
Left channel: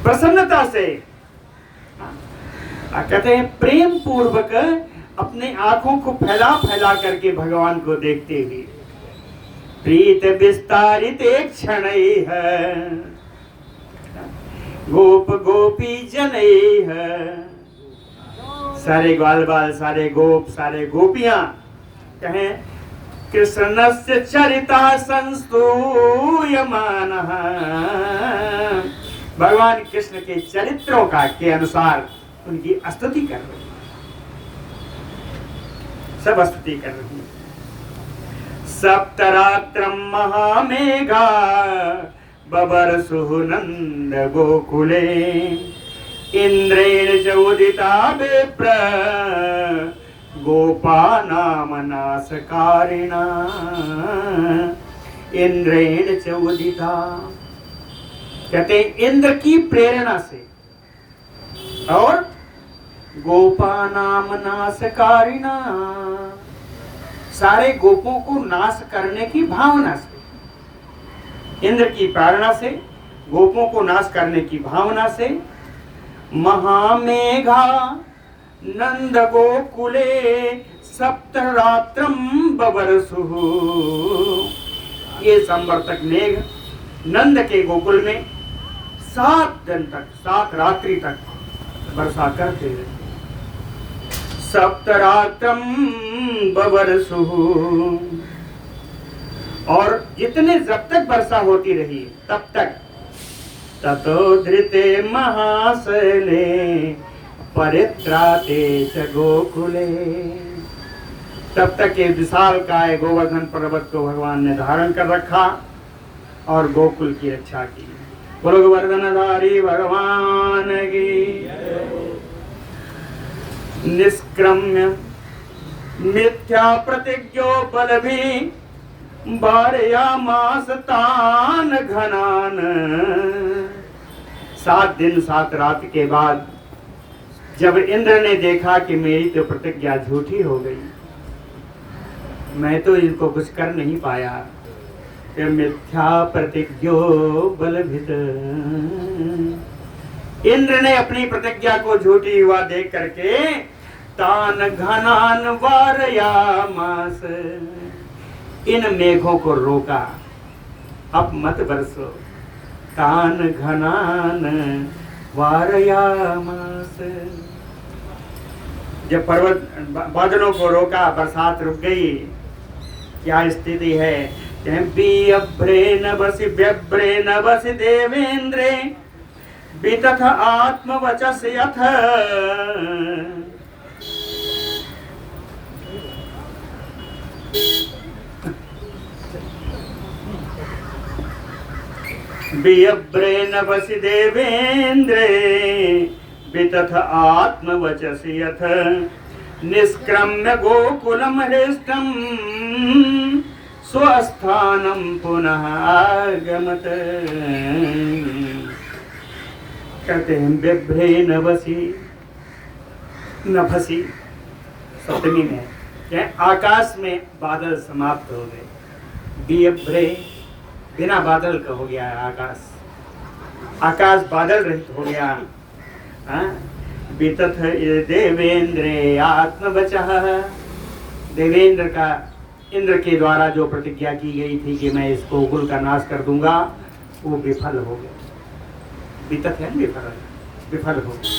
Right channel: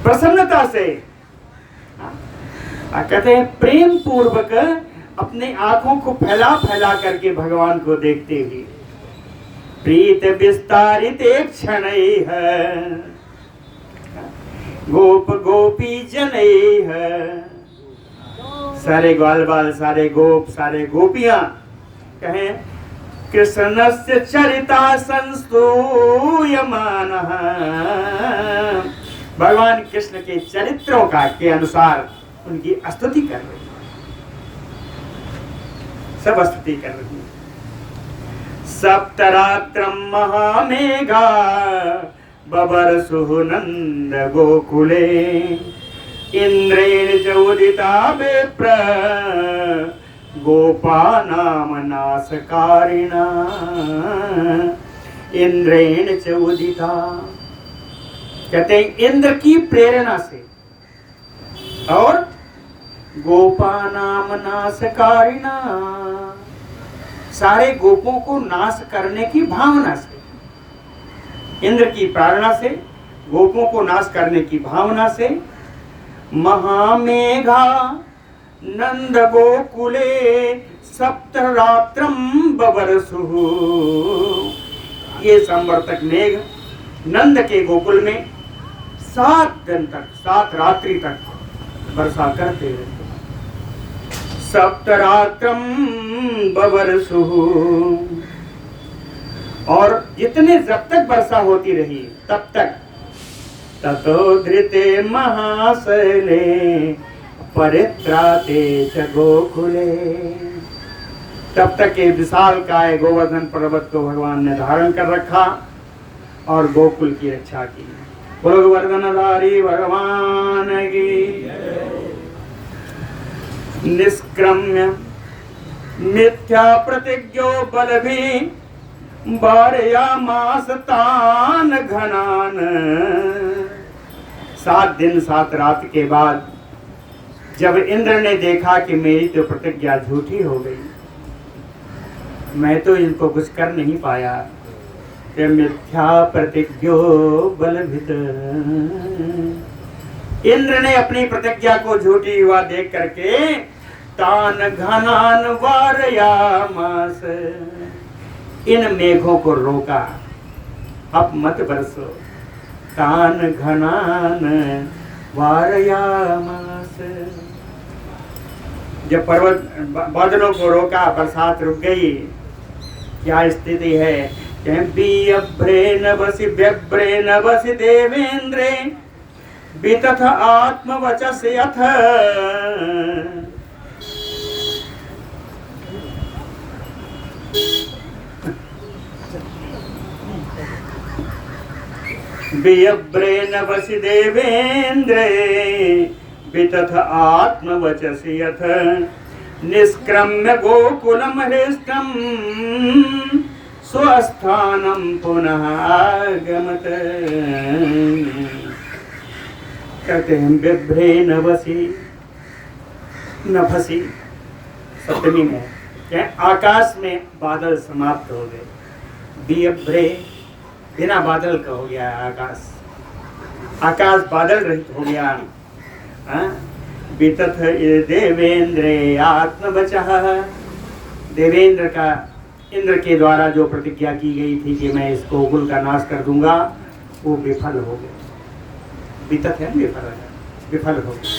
प्रसन्नता से, कहते हैं प्रेम पूर्वक अपने आंखों को फैला फैला करके भगवान को देखते हुए, प्रीत विस्तारित क्षणैः गोप गोपी जनैः, सारे ग्वाल बाल, सारे गोप, सारे गोपियां, कहें कृष्णस्य चरितः संस्तूयमानः, भगवान कृष्ण के चरित्रों का के अनुसार उनकी स्तुति कर रही है, सब स्तुति कर रही है। सप्तरात्रं महामेघा बबर्षुः नंद गोकुले इंद्रेण च उदिता विप्र गोपानाम नाशकारिणा। इंद्रेण च उदिता, कहते हैं इंद्र की प्रेरणा से और गोपानाम नाशकारिणा, सारे गोपों को नाश करने की भावना से, इंद्र की प्रेरणा से, गोपों को नाश करने की भावना से, महामेघा नंद गोकुले सप्तरात्रम बबर्षुः, ये संवर्तक मेघ नंद के गोकुल में 7 दिन तक, 7 रात्रि तक वर्षा करते रहते। सप्तरात्रम बबर्षुः और जितने जब तक वर्षा होती रही तब तक ततो धृते महाशैले परित्राते च गोकुले, तब तक एक विशाल काय गोवर्धन पर्वत को भगवान ने धारण कर रखा और गोकुल की रक्षा की। बोलो गोवर्धनधारी भगवान की। निष्क्रम्य मिथ्या प्रतिज्ञो बल भी बारयामास तान घनान। 7 दिन 7 रात के बाद जब इंद्र ने देखा कि मेरी तो प्रतिज्ञा झूठी हो गई, मैं तो इनको कुछ कर नहीं पाया, कि मिथ्या प्रतिज्ञो बलभित, इंद्र ने अपनी प्रतिज्ञा को झूठी हुआ देख करके तान घनान वारयामास, इन मेघों को रोका, अब मत बरसो। तान घनान वारयामास, जब पर्वत बादलों को रोका, बरसात रुक गई। क्या स्थिति है? व्यभ्रे नभसि देवेंद्रे वितथ आत्मवचस यथ, व्यभ्रे नभसि देवेंद्रे वितथ आत्मवचसि यथ, निष्क्रम्य गोकुलम हृष्टम स्वस्थानम पुनः आगमत। कहते हैं व्यभ्रे नभसि सप्तमी में क्या आकाश में बादल समाप्त हो गए। व्यभ्रे बिना बादल का हो गया आकाश, आकाश बादल रहित हो गया। वितथ देवेंद्रे आत्मवचः, देवेंद्र का इंद्र के द्वारा जो प्रतिज्ञा की गई थी कि मैं इस गोकुल का नाश कर दूंगा, वो विफल हो गया। वितथ है विफल हो गया।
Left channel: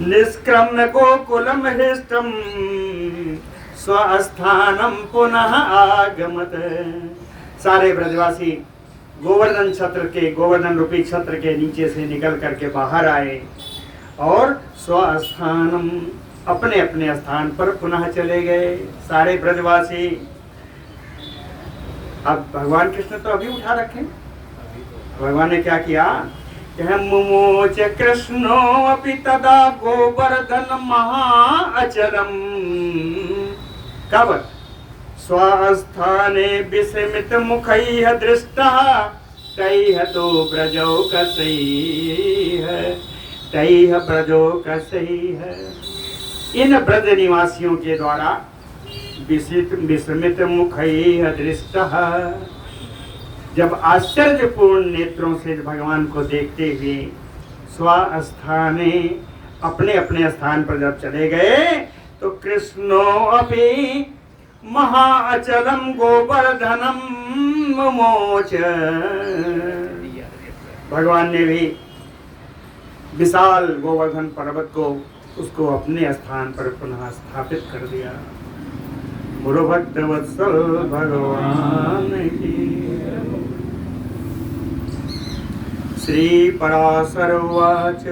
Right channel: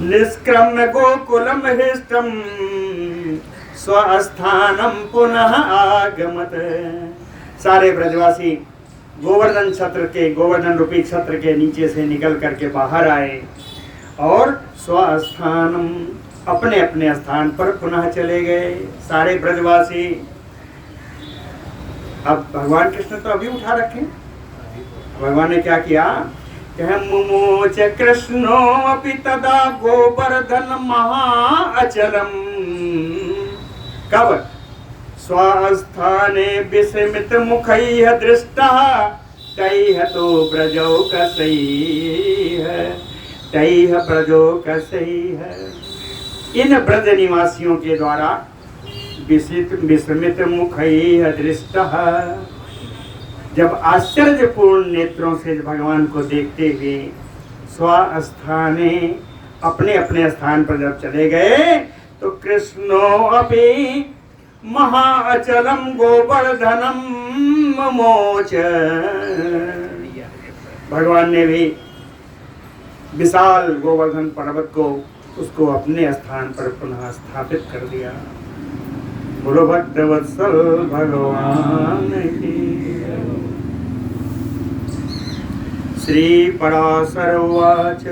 निष्क्रम्य गोकुलम हृष्टम स्वस्थानम पुनः आगमत, सारे ब्रजवासी गोवर्धन छत्र के, गोवर्धन रूपी छत्र के नीचे से निकल करके बाहर आए और स्वस्थानम, अपने अपने स्थान पर पुनः चले गए सारे ब्रजवासी। अब भगवान कृष्ण तो अभी उठा रखे, भगवान ने क्या किया? मुमोच कृष्णो अपि तदा गोवर्धन महाअचलम, कब? स्वस्थाने विस्मित मुखैः दृष्टः तैः तो ब्रजौ कसैः, तैः ब्रजो कसैः, इन ब्रज निवासियों के द्वारा विस्मित मुखैः दृष्टः, जब आश्चर्यपूर्ण नेत्रों से भगवान को देखते हुए स्वस्थाने, अपने अपने स्थान पर जब चले गए, तो कृष्णो अपि महाअचलम गोवर्धनम मोच, भगवान ने भी विशाल गोवर्धन पर्वत को, उसको अपने स्थान पर पुनः स्थापित कर दिया। बोलो भक्तवत्सल भगवान की। श्री पराशर उवाच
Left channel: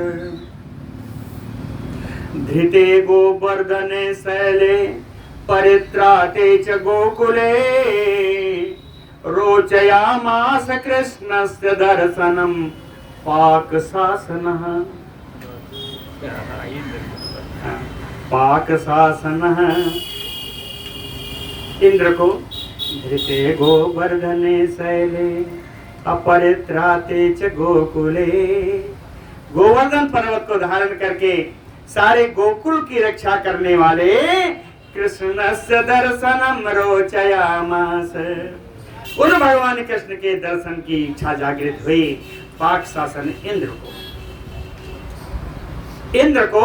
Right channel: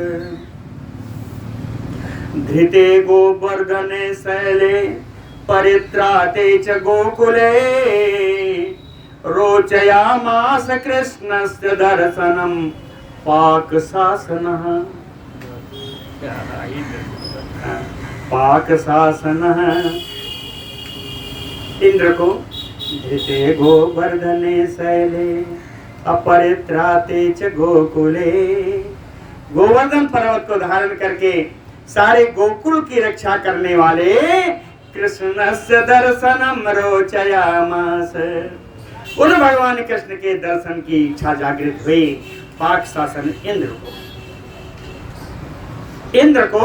धृते गोवर्धने शैले परित्राते च गोकुले, रोचयामास कृष्णस्य दर्शनम पाकशासनः, पाकशासनः, इंद्र को धृते गोवर्धने शैले अपरित्राते च गोकुले, गोवर्धन पर्वत को धारण करके सारे गोकुल की रक्षा करने वाले कृष्णस्य दर्शनम रोचयामास, उन भगवान कृष्ण के दर्शन की इच्छा जागृत हुई। पाक शासन इंद्र को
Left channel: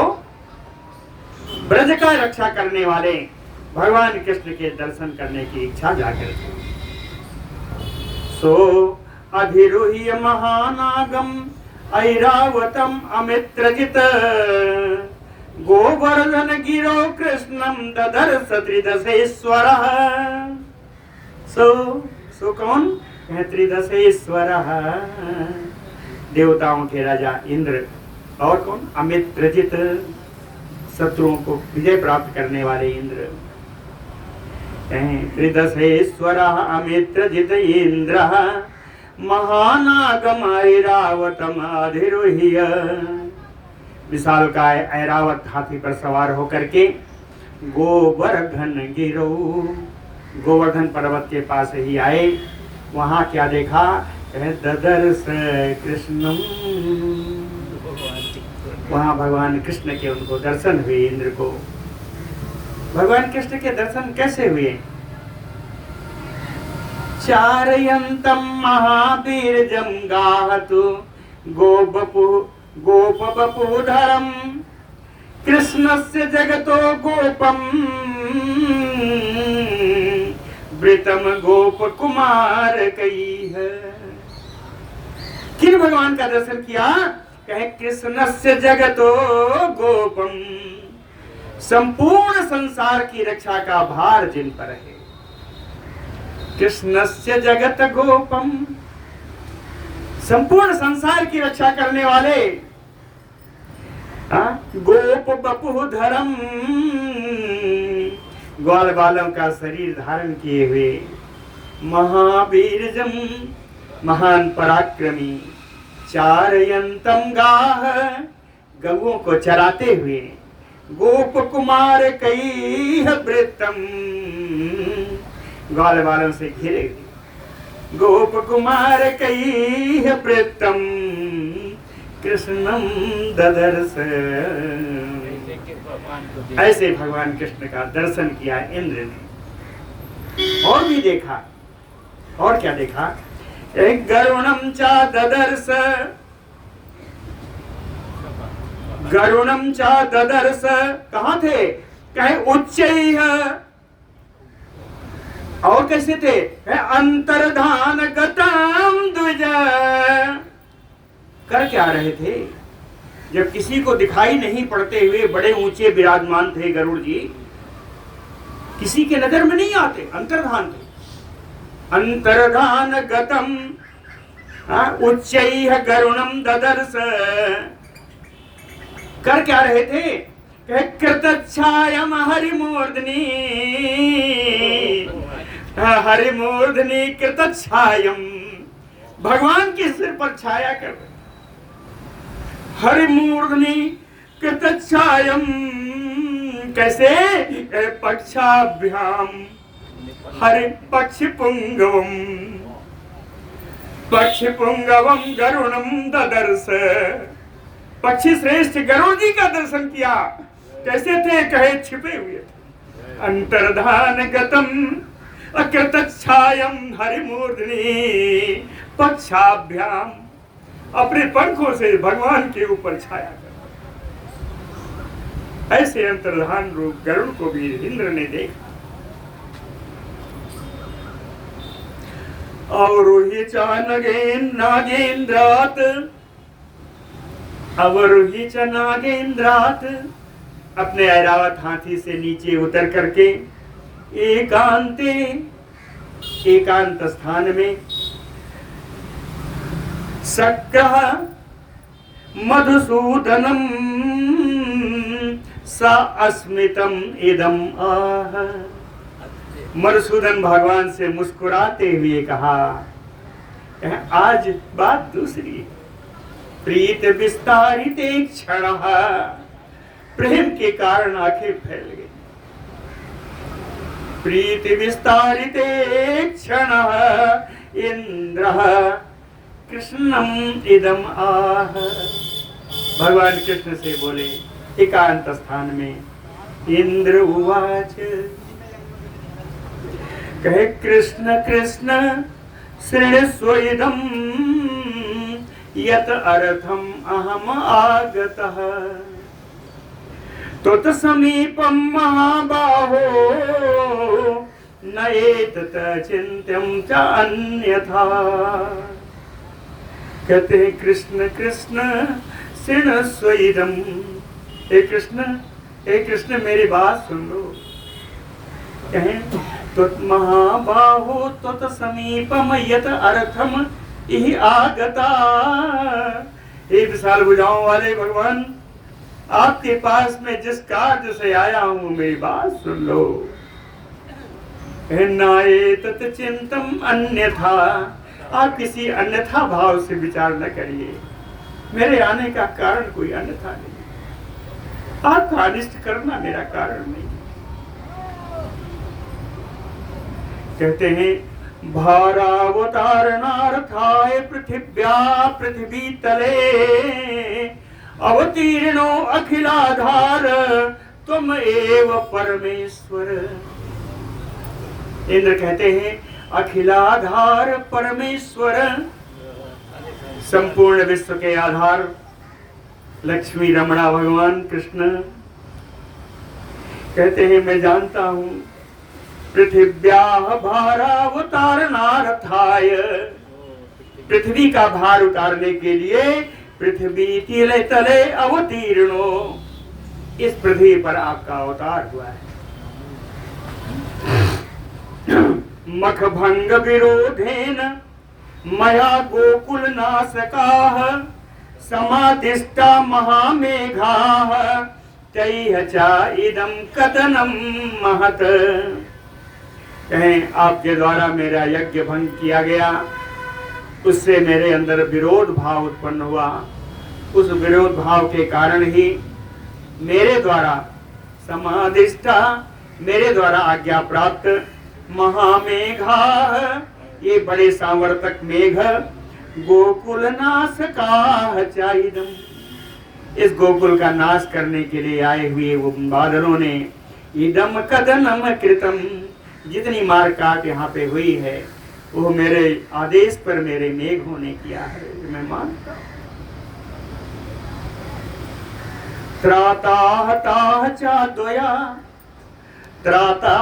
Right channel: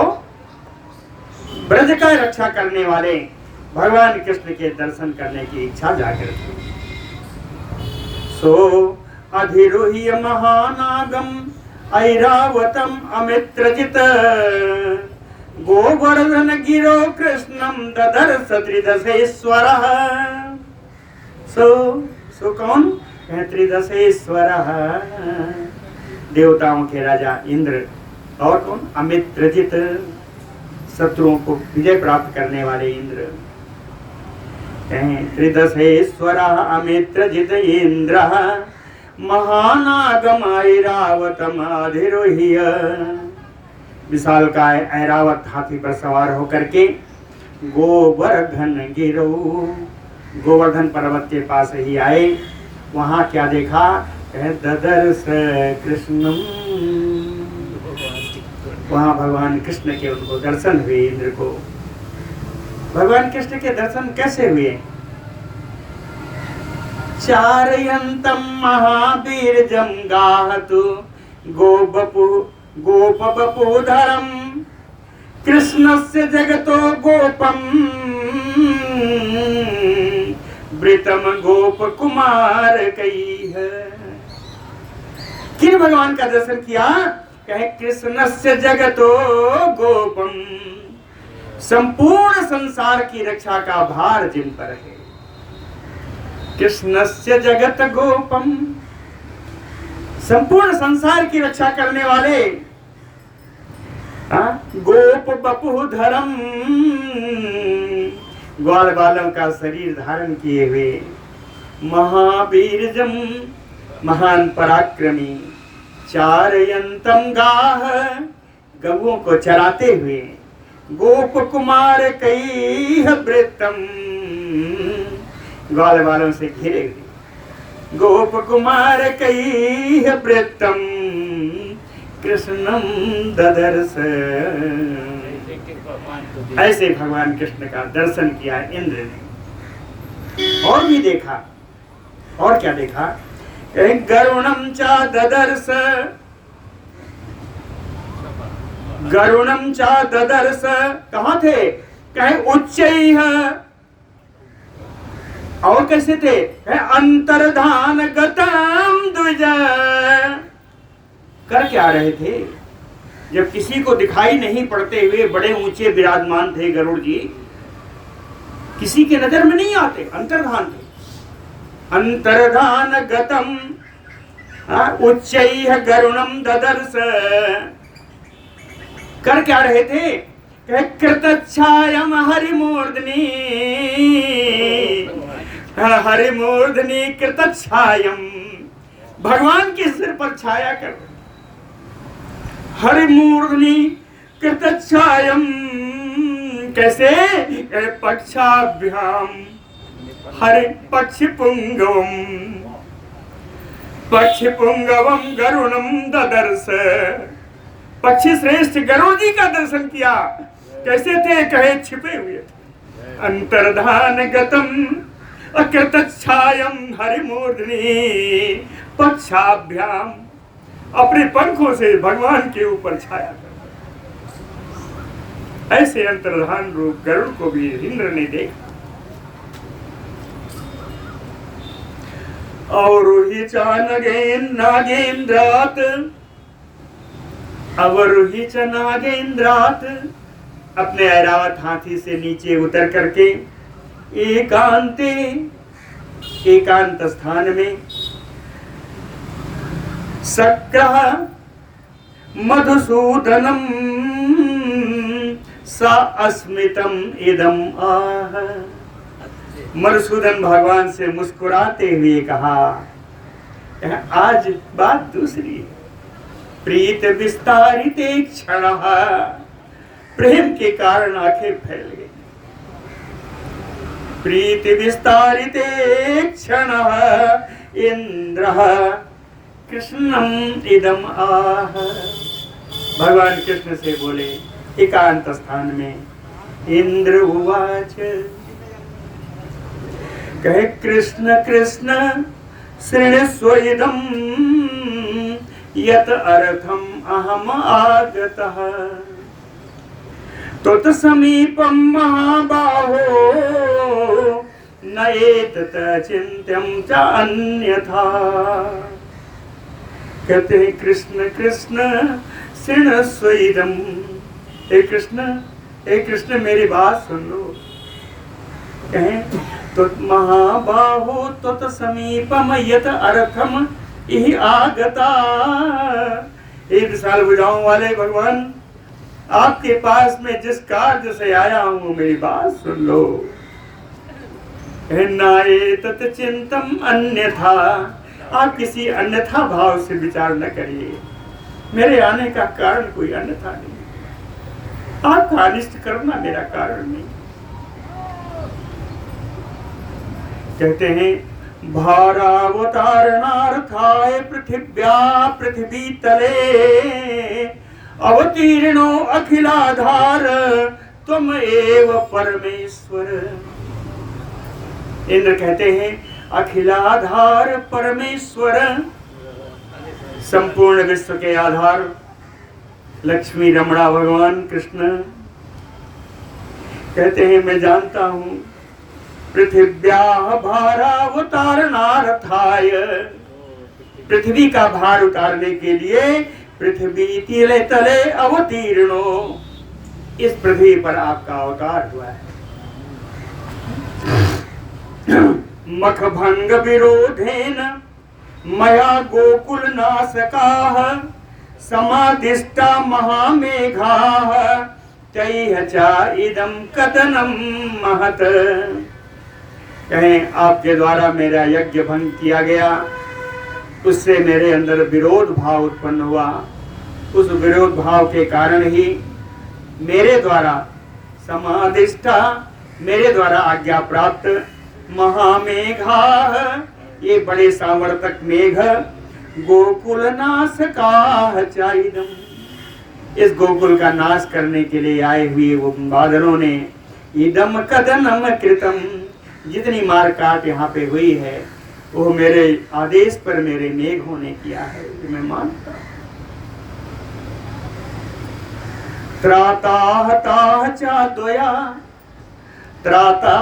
ब्रज का रक्षा करने वाले भगवान कृष्ण के दर्शन करने की इच्छा जागृत हुई। सो अधिरुह्य महानागम ऐरावतम अमित्रजित, गोवर्धन गिरो कृष्णम ददर्श त्रिदशेश्वरः, सो कौन? त्रिदशेश्वर, देवताओं के राजा इंद्र। और कौन? अमित्रजित, शत्रुओं को विजय प्राप्त करने वाले इंद्र। त्रिदशेश्वर अमित्रजित इंद्र महानागम ऐरावतम अधिरोह्य। विशालकाय ऐरावत हाथी पर सवार होकर के गोवर्धन गिरो, गोवर्धन पर्वत के पास ही आए। वहां क्या देखा? ददर्श कृष्णम, वहां भगवान कृष्ण के उनको दर्शन हुए। इंद्र को भगवान कृष्ण के दर्शन कैसे हुए? चारयंतम महावीरजम गाहतु गोपबपुधरम कृष्णस्य जगतो गोपम वृतम गोप कुमार कई है। किन भगवान का दर्शन किया? कहे कृष्णस्य जगतो गोपम, संपूर्ण संसार की रक्षा का भार जिन पर है। कृष्णस्य जगत गोपम, संपूर्ण संसार की रक्षा करने वाले। गोप बपुधरम, ग्वाल बालों का शरीर धारण किए हुए। महावीरजम, महान पराक्रमी। चारयंतम गाह, गौओं को चराते हुए। गोप कुमार कई वृत्तम, ग्वाल बालों से घिरे हुए। गोप कुमार कई वृत्तम कृष्णम ददर्श। ऐसे भगवान कृष्ण का दर्शन किया इंद्र ने। और भी देखा। और क्या देखा? गरुणम चा ददर्श, गरुणम चा ददर्श। कहाँ थे? कहे उच्चैः। और कैसे थे? अंतर्धान गतम द्विज। कर क्या रहे थे? जब किसी को दिखाई नहीं पड़ते हुए बड़े ऊंचे विराजमान थे गरुड़ जी, किसी के नजर में नहीं आते, अंतर्धान थे। अंतर्धान गतम उच्चैः गरुणम ददर्श। कर क्या रहे थे? कृतच्छायम हरिमूर्धनि, हरिमूर्धनि कृतच्छायम, भगवान के सिर पर छाया कर। हरिमूर्धनि कृतच्छायम, कैसे? पक्षाभ्याम हरि पक्षिपुंगवम, पक्षिपुंगवम गरुणम ददर्श। पक्षी श्रेष्ठ गरुड़ जी का दर्शन किया। कैसे थे? कहे छिपे हुए थे। अंतर्धान गतम अकृतच्छायम हरिमूर्धनि पक्षाभ्याम, अपने पंखों से भगवान के ऊपर छाया कर। ऐसे अंतर्धान रूप गरुड़ को भी इंद्र ने देखा। और ही नागेन्द्रात, अवरोही च नागेन्द्रात, अपने ऐरावत हाथी से नीचे उतर करके एकांत स्थान में सक्र मधुसूदनम सा अस्मितम इदम आह। मधुसूदन भगवान से मुस्कुराते हुए कहा, आज बात दूसरी है। प्रीत विस्तारित क्षण, प्रेम के कारण आंखें फैल गई। प्रीत विस्तारित क्षण इंद्र कृष्णम इदम आह। भगवान कृष्ण से बोले एकांत स्थान में। इंद्र उवाच, कहे कृष्ण कृष्ण शृणुस्व इदम यत अर्थम अहम आगतः। तत् समीपम महाबाहो न एतत् चिन्त्यं च अन्यथा। कहते हैं कृष्ण कृष्ण शृणुस्व इदम। हे कृष्ण मेरी बात सुन लो। कहें तुत महाबाहो तुत समीपम यत अर्थम इहि आगता। हे विशाल भुजाओं वाले भगवान, आपके पास में जिस कार्य से आया हूं मेरी बात सुन लो। नाये तत् चिंतम अन्यथा, आप किसी अन्यथा भाव से विचार न करिए। मेरे आने का कारण कोई अन्यथा नहीं, आपका अनिष्ट करना मेरा कारण नहीं। कहते हैं भारावतारणार्थाय पृथिव्या पृथ्वी तले अवतीर्णो अखिलाधार तुम एव परमेश्वर। इंद्र कहते हैं अखिलाधार परमेश्वर, संपूर्ण विश्व के आधार लक्ष्मी रमणा भगवान कृष्ण। कहते हैं मैं जानता हूं पृथिव्या भारावतारणार्थाय, पृथ्वी का भार उतारने के लिए पृथ्वी तिले तले अवतीर्णो, इस पृथ्वी पर आपका अवतार हुआ है। मखभंग विरोधेन मया गोकुल नासकाः समादिष्टा महामेघाः तैः च इदं कथनं महत्। कहें आपके द्वारा मेरा यज्ञ भंग किया गया, उससे मेरे अंदर विरोध भाव उत्पन्न हुआ। उस विरोध भाव के कारण ही मेरे द्वारा समादिष्टा, मेरे द्वारा आज्ञा प्राप्त महामेघा, ये बड़े सावर्तक मेघ गोकुल नाशकाः चाइदम, इस गोकुल का नाश करने के लिए आए हुए वो बादलों ने इदम कदनम कृतम, जितनी मार काट यहाँ पे हुई है वो मेरे आदेश पर मेरे मेघों ने किया है, मैं मानता। त्राता ताह चा द्वया, त्राता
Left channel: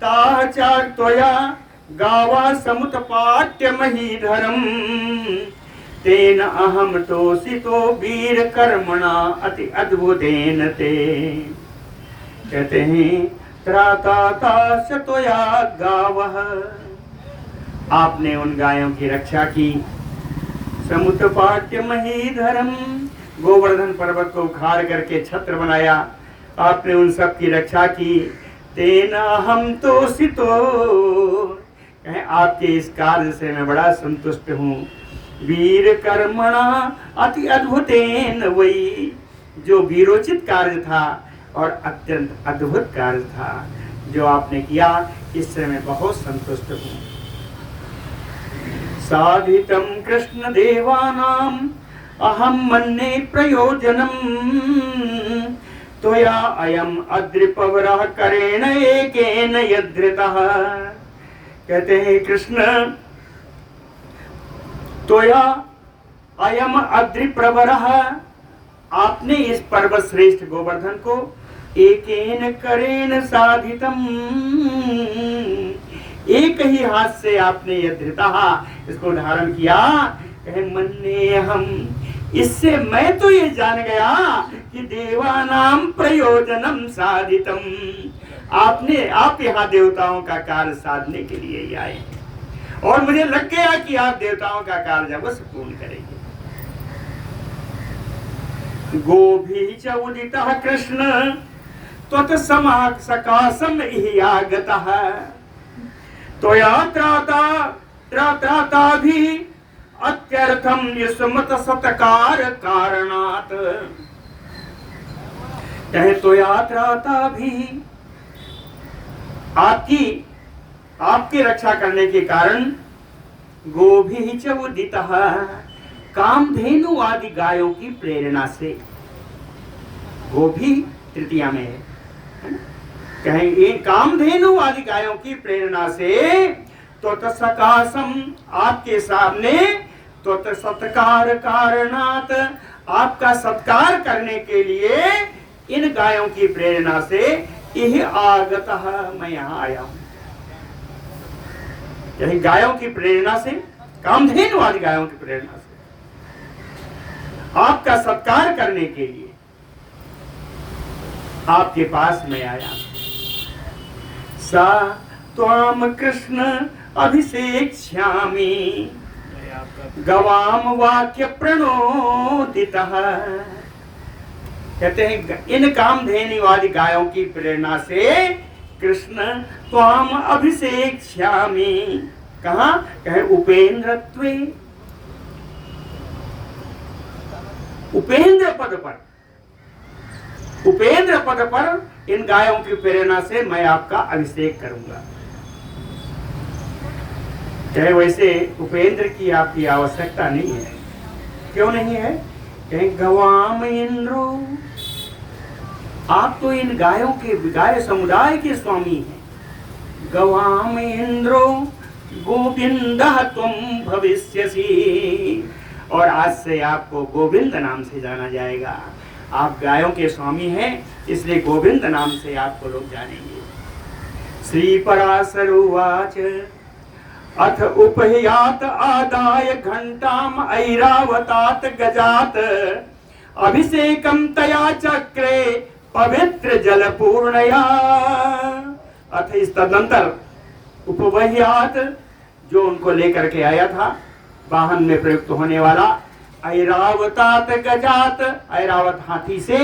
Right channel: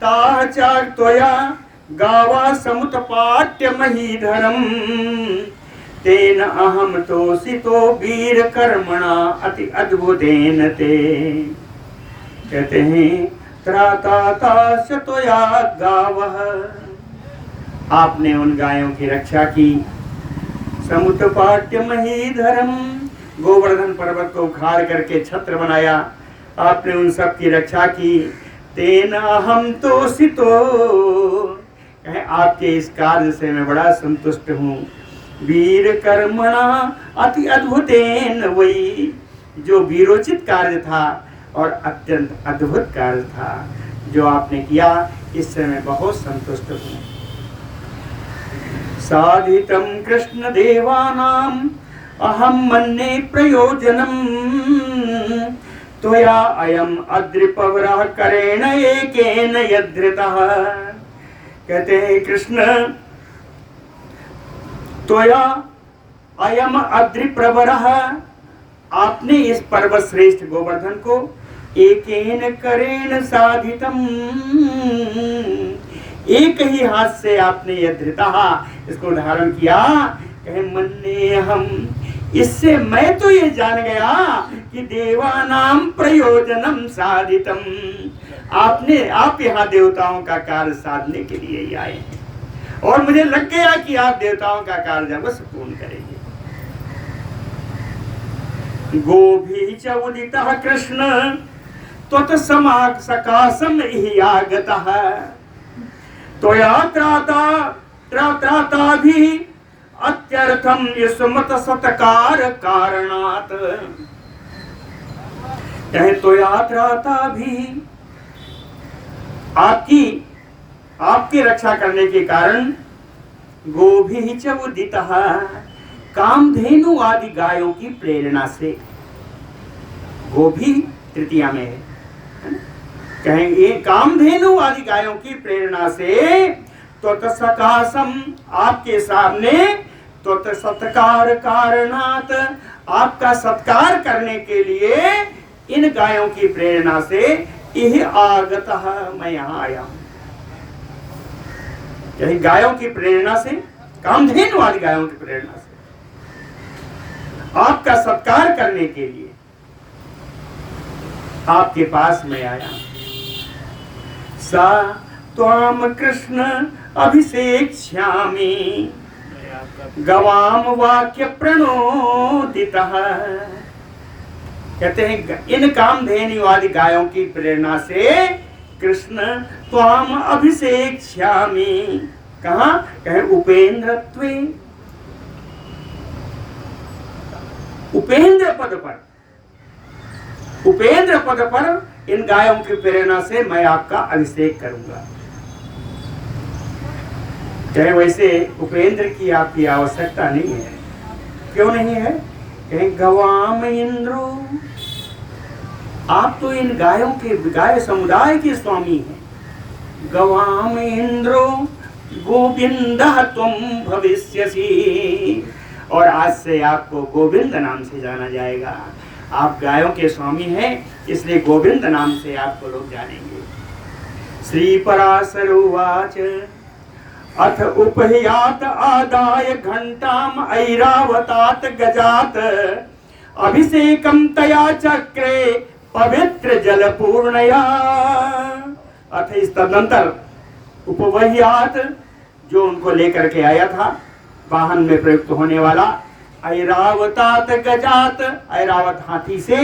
ताह चा त्वया गावा समुत्पाट्य महीधरम तेन अहम तोषितो वीर कर्मणा अति अद्भुतेन ते। कहते हैं त्राता ताश त्वया गावः, आपने उन गायों की रक्षा की। समुत्पाट्य महीधरम, गोवर्धन पर्वत को उखाड़ करके छत्र बनाया, आपने उन सब की रक्षा की। तेना हम तोषितो, कहें आपके इस कार्य से मैं बड़ा संतुष्ट हूँ। वीर कर्मणा अति अद्भुतेन, वही जो वीरोचित कार्य था और अत्यंत अद्भुत कार्य था जो आपने किया, इससे मैं बहुत संतुष्ट हूँ। साधितम कृष्ण देवानाम अहम मन्ये प्रयोजनम त्वया अयम अद्रिपवरः करेण एकेन यद्धृतः। कहते हैं कृष्ण, त्वया अयम अद्रिप्रवरः, आपने इस पर्वत श्रेष्ठ गोवर्धन को एकेन करेण साधितम, एक ही हाथ से आपने यह धृतः, इसको धारण किया। कहे मन्ने हम, इससे मैं तो ये जान गया कि देवानाम प्रयोजनम साधितम, आप यहाँ देवताओं का कार्य साधने के लिए ही आए हैं और मुझे लग गया कि आप देवताओं का कार्य अवश्य पूर्ण करेंगे। गोभी च उदितः कृष्ण त्वत् समाक सकाशम इहि आगतः त्वया त्राता भी अत्यर्थम युष्मत सत्कार कारणात्। कहे त्वया त्राता भी, आपकी रक्षा करने के कारण गोभी च उदितः, कामधेनु आदि गायों की प्रेरणा से, गोभी तृतीया में है ना? कहें ये कामधेनु आदि गायों की प्रेरणा से तो सकाशम, आपके सामने तो सत्कार कारणात, आपका सत्कार करने के लिए इन गायों की प्रेरणा से यह आगतः, मैं यहाँ आया हूं। यही गायों की प्रेरणा से, कामधेनु आदि गायों की प्रेरणा से आपका सत्कार करने के लिए आपके पास मैं आया। सा त्वाम कृष्ण अभिषेक्ष्यामि गवाम वाक्य प्रणोदितः। कहते हैं इन कामधेनुवादी गायों की प्रेरणा से कृष्ण त्वाम अभिषेक्ष्यामि, कहा कहे उपेंद्रत्वे, उपेंद्र पद पर, उपेंद्र पद पर इन गायों की प्रेरणा से मैं आपका अभिषेक करूंगा। चाहे वैसे उपेंद्र की आपकी आवश्यकता नहीं है। क्यों नहीं है? कहे गवाम इंद्रो, आप तो इन गायों के गाय समुदाय के स्वामी हैं। गवाम इंद्रो गोविंद तुम भविष्यसि, और आज से आपको गोविंद नाम से जाना जाएगा। आप गायों के स्वामी हैं, इसलिए गोविंद नाम से आपको लोग जानेंगे। श्री पराशर उवाच अथ उपह्यात आदाय घंटाम ऐरावतात गजात अभिषेकम तया चक्रे पवित्र जल पूर्णया। अथ इस तदंतर उपवह्यात, जो उनको लेकर के आया था वाहन में प्रयुक्त होने वाला, ऐरावतात गजात, ऐरावत हाथी से,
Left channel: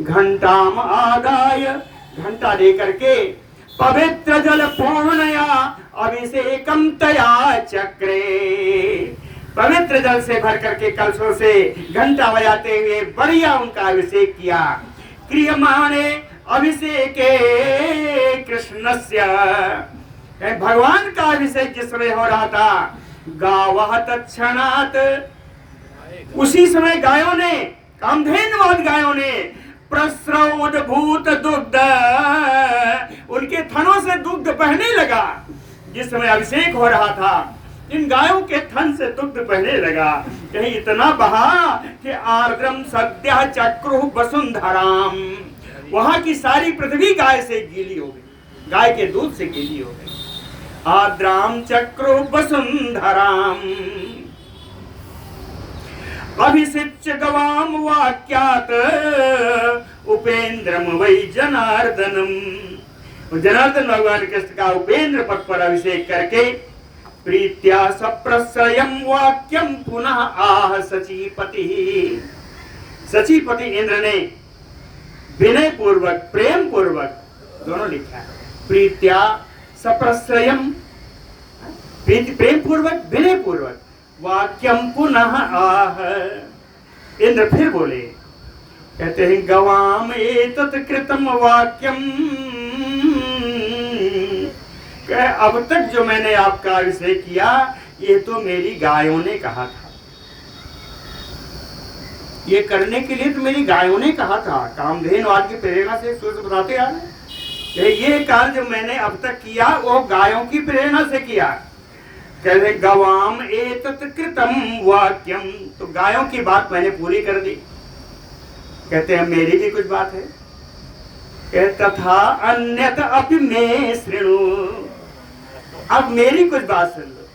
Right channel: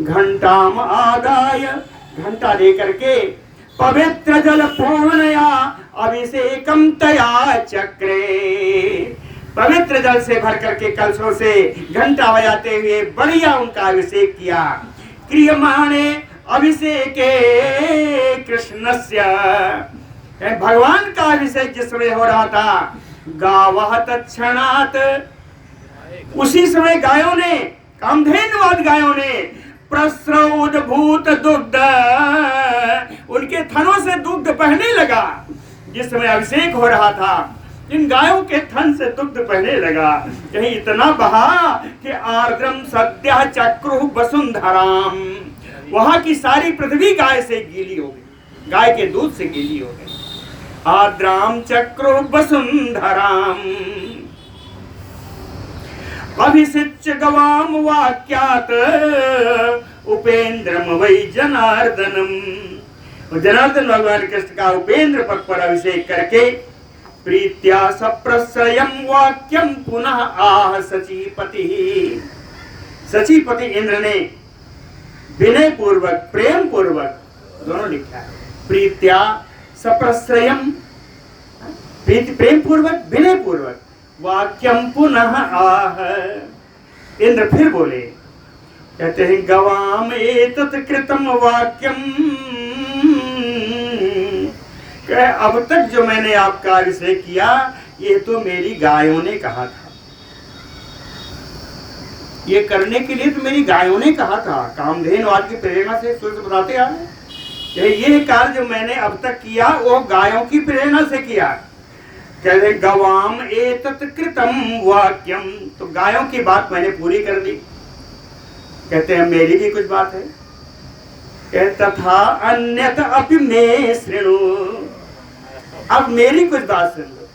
घंटाम आदाय, घंटा लेकर के, पवित्र जल पूर्णया अभिषेकम तया चक्रे, पवित्र जल से भर करके कलशों से घंटा बजाते हुए बढ़िया उनका अभिषेक किया। क्रियमाणे अभिषेके कृष्णस्य, भगवान का अभिषेक जिस समय हो रहा था, गावः तत्क्षणात्, उसी समय गायों ने, कामधेनुवाद गायों ने, प्रस्रवोद्भूत दुग्ध, उनके थनों से दुग्ध बहने लगा। जिस समय अभिषेक हो रहा था, इन गायों के थन से दुग्ध बहने लगा। कहीं इतना बहा कि आर्द्रम सद्यः चक्रुः वसुंधराम, वहां की सारी पृथ्वी गाय से गीली हो गई, गाय के दूध से गीली हो गई। आद्राम चक्रुः वसुंधराम अभिषिच्य गवाम वाक्यात उपेंद्रम वै जनार्दनम। जनार्दन भगवान कृष्ण का उपेंद्र पद पर अभिषेक करके प्रीत्या सप्रसयम वाक्यम पुनः आह सचीपति। सचीपति इंद्र ने विनय पूर्वक, प्रेम पूर्वक, दोनों लिखा है, प्रीत्या सप्रसयम, प्रेम पूर्वक, विनय पूर्वक, वाक्यम पुनः आह। इंद्र फिर बोले, कहते हैं गवाम एतत् कृतम वाक्यम, अब तक जो मैंने आपका अभिषेक किया, ये तो मेरी गायों ने कहा था, ये करने के लिए तो मेरी गायों ने कहा था। कामधेनुवाद की प्रेरणा से सूर्य बताते आ रहे, ये कार्य जो मैंने अब तक किया वो गायों की प्रेरणा से किया। कहते गवाम एतत् कृतम वाक्यम, तो गायों की बात मैंने पूरी कर दी। कहते हैं मेरी भी कुछ बात है। तथा अन्यत अपि मे शृणु, अब मेरी कुछ बात सुन लो।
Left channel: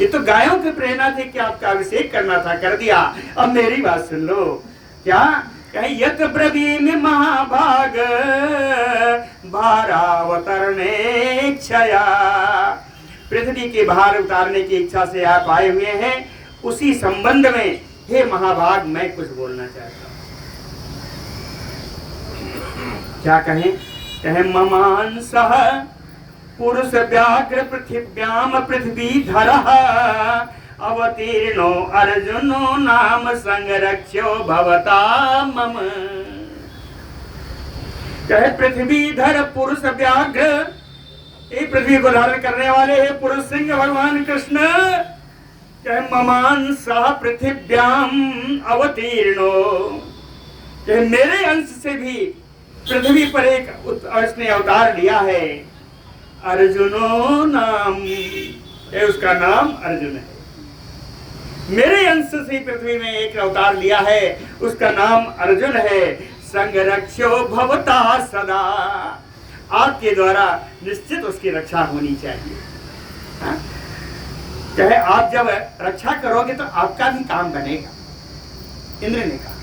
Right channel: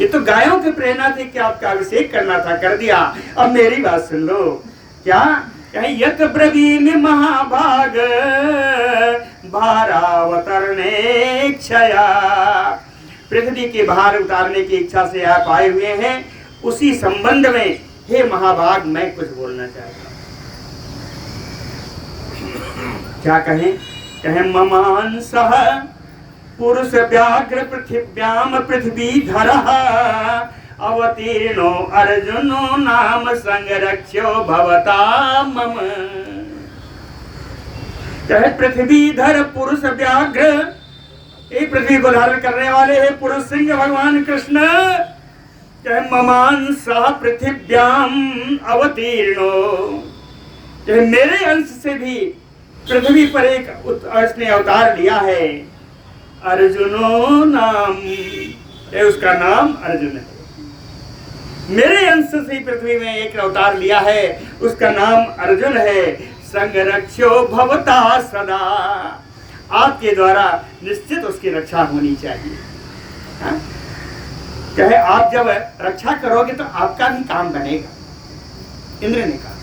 ये तो गायों की प्रेरणा थी कि आपका अभिषेक करना था, कर दिया, अब मेरी बात सुन लो। क्या कहीं यत ब्रवीमि महाभाग भारावतरणे क्षया, पृथ्वी के भार उतारने की इच्छा से आप आए हुए हैं, उसी संबंध में हे महाभाग मैं कुछ बोलना चाहता हूं। क्या कहें? कहें ममांसः पुरुष व्याघ्र पृथिव्याम पृथ्वीधरः अवतीर्णो अर्जुनो नाम संरक्ष्यो भवता मम। कहे पृथ्वीधर पुरुष व्याघ्र, ये पृथ्वी को धारण करने वाले हैं पुरुष सिंह भगवान कृष्ण। कहे ममांसः पृथिव्याम अवतीर्णो, कहे मेरे अंश से भी पृथ्वी पर एक उसने अवतार लिया है। अर्जुनो नाम, उसका नाम अर्जुन है। मेरे अंश से पृथ्वी में एक अवतार लिया है, उसका नाम अर्जुन है। संरक्षो भवता सदा, आपके द्वारा निश्चित उसकी रक्षा होनी चाहिए। हा? कहे आप जब रक्षा करोगे तो आपका भी काम बनेगा। इंद्र ने कहा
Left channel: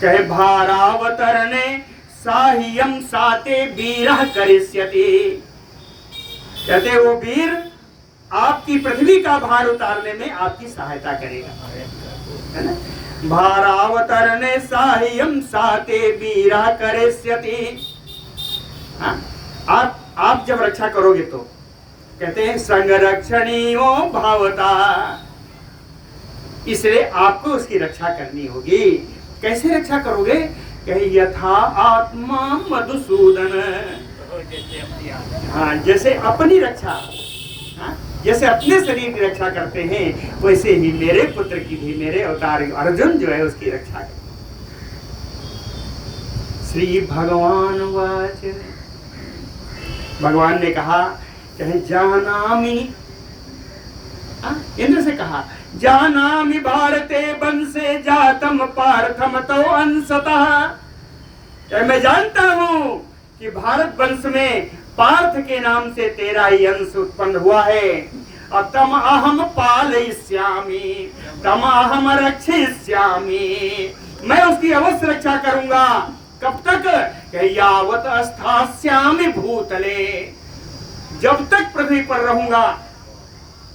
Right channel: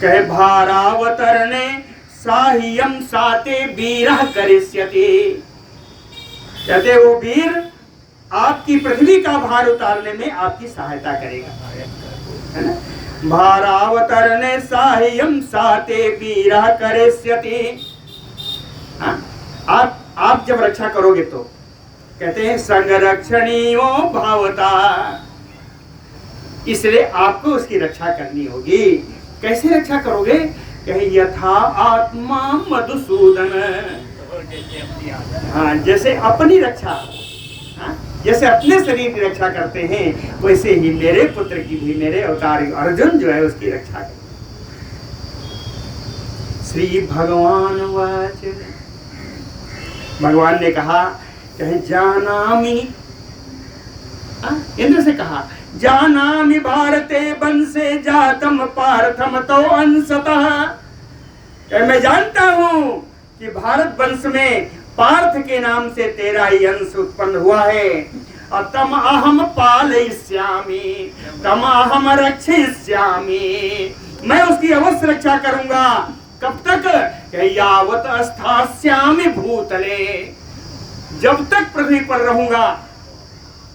कहे भारावतरणे साह्यम साते वीरः करिष्यति। कहते वो वीर आपकी पृथ्वी का भार उतारने में आपकी सहायता करेगा, है ना। भारावतरणे साह्यम साते वीरः करिष्यति। आप जब रक्षा करोगे तो कहते हैं संरक्षणीयो भावता, इसलिए आपको उसकी रक्षा करनी होगी। कैसे रक्षा करोगे? कहे यथा आत्मा मधुसूदन, हाँ जैसे अपनी रक्षा, हाँ जैसे अपने शरीर की रक्षा करते हैं वैसे ही मेरे पुत्र की भी, मेरे अवतार अर्जुन जो है उसकी रक्षा करें। श्री भगवान वाच, भगवान ने कहा कहे जानामि, इंद्र से कहा जानामि भारते वंशे जातम पार्थम तो अंशतः, मैं जानता हूं कि भारत वंश में पार्थ के नाम से तेरा ही अंश उत्पन्न हुआ है। और तम अहम पालयिष्यामि तम अहम रक्षयिष्यामि, मैं उसकी अवश्य रक्षा करूंगा। कब तक? यावत स्थास्यामि भूतले, जब तक पृथ्वी पर रहूंगा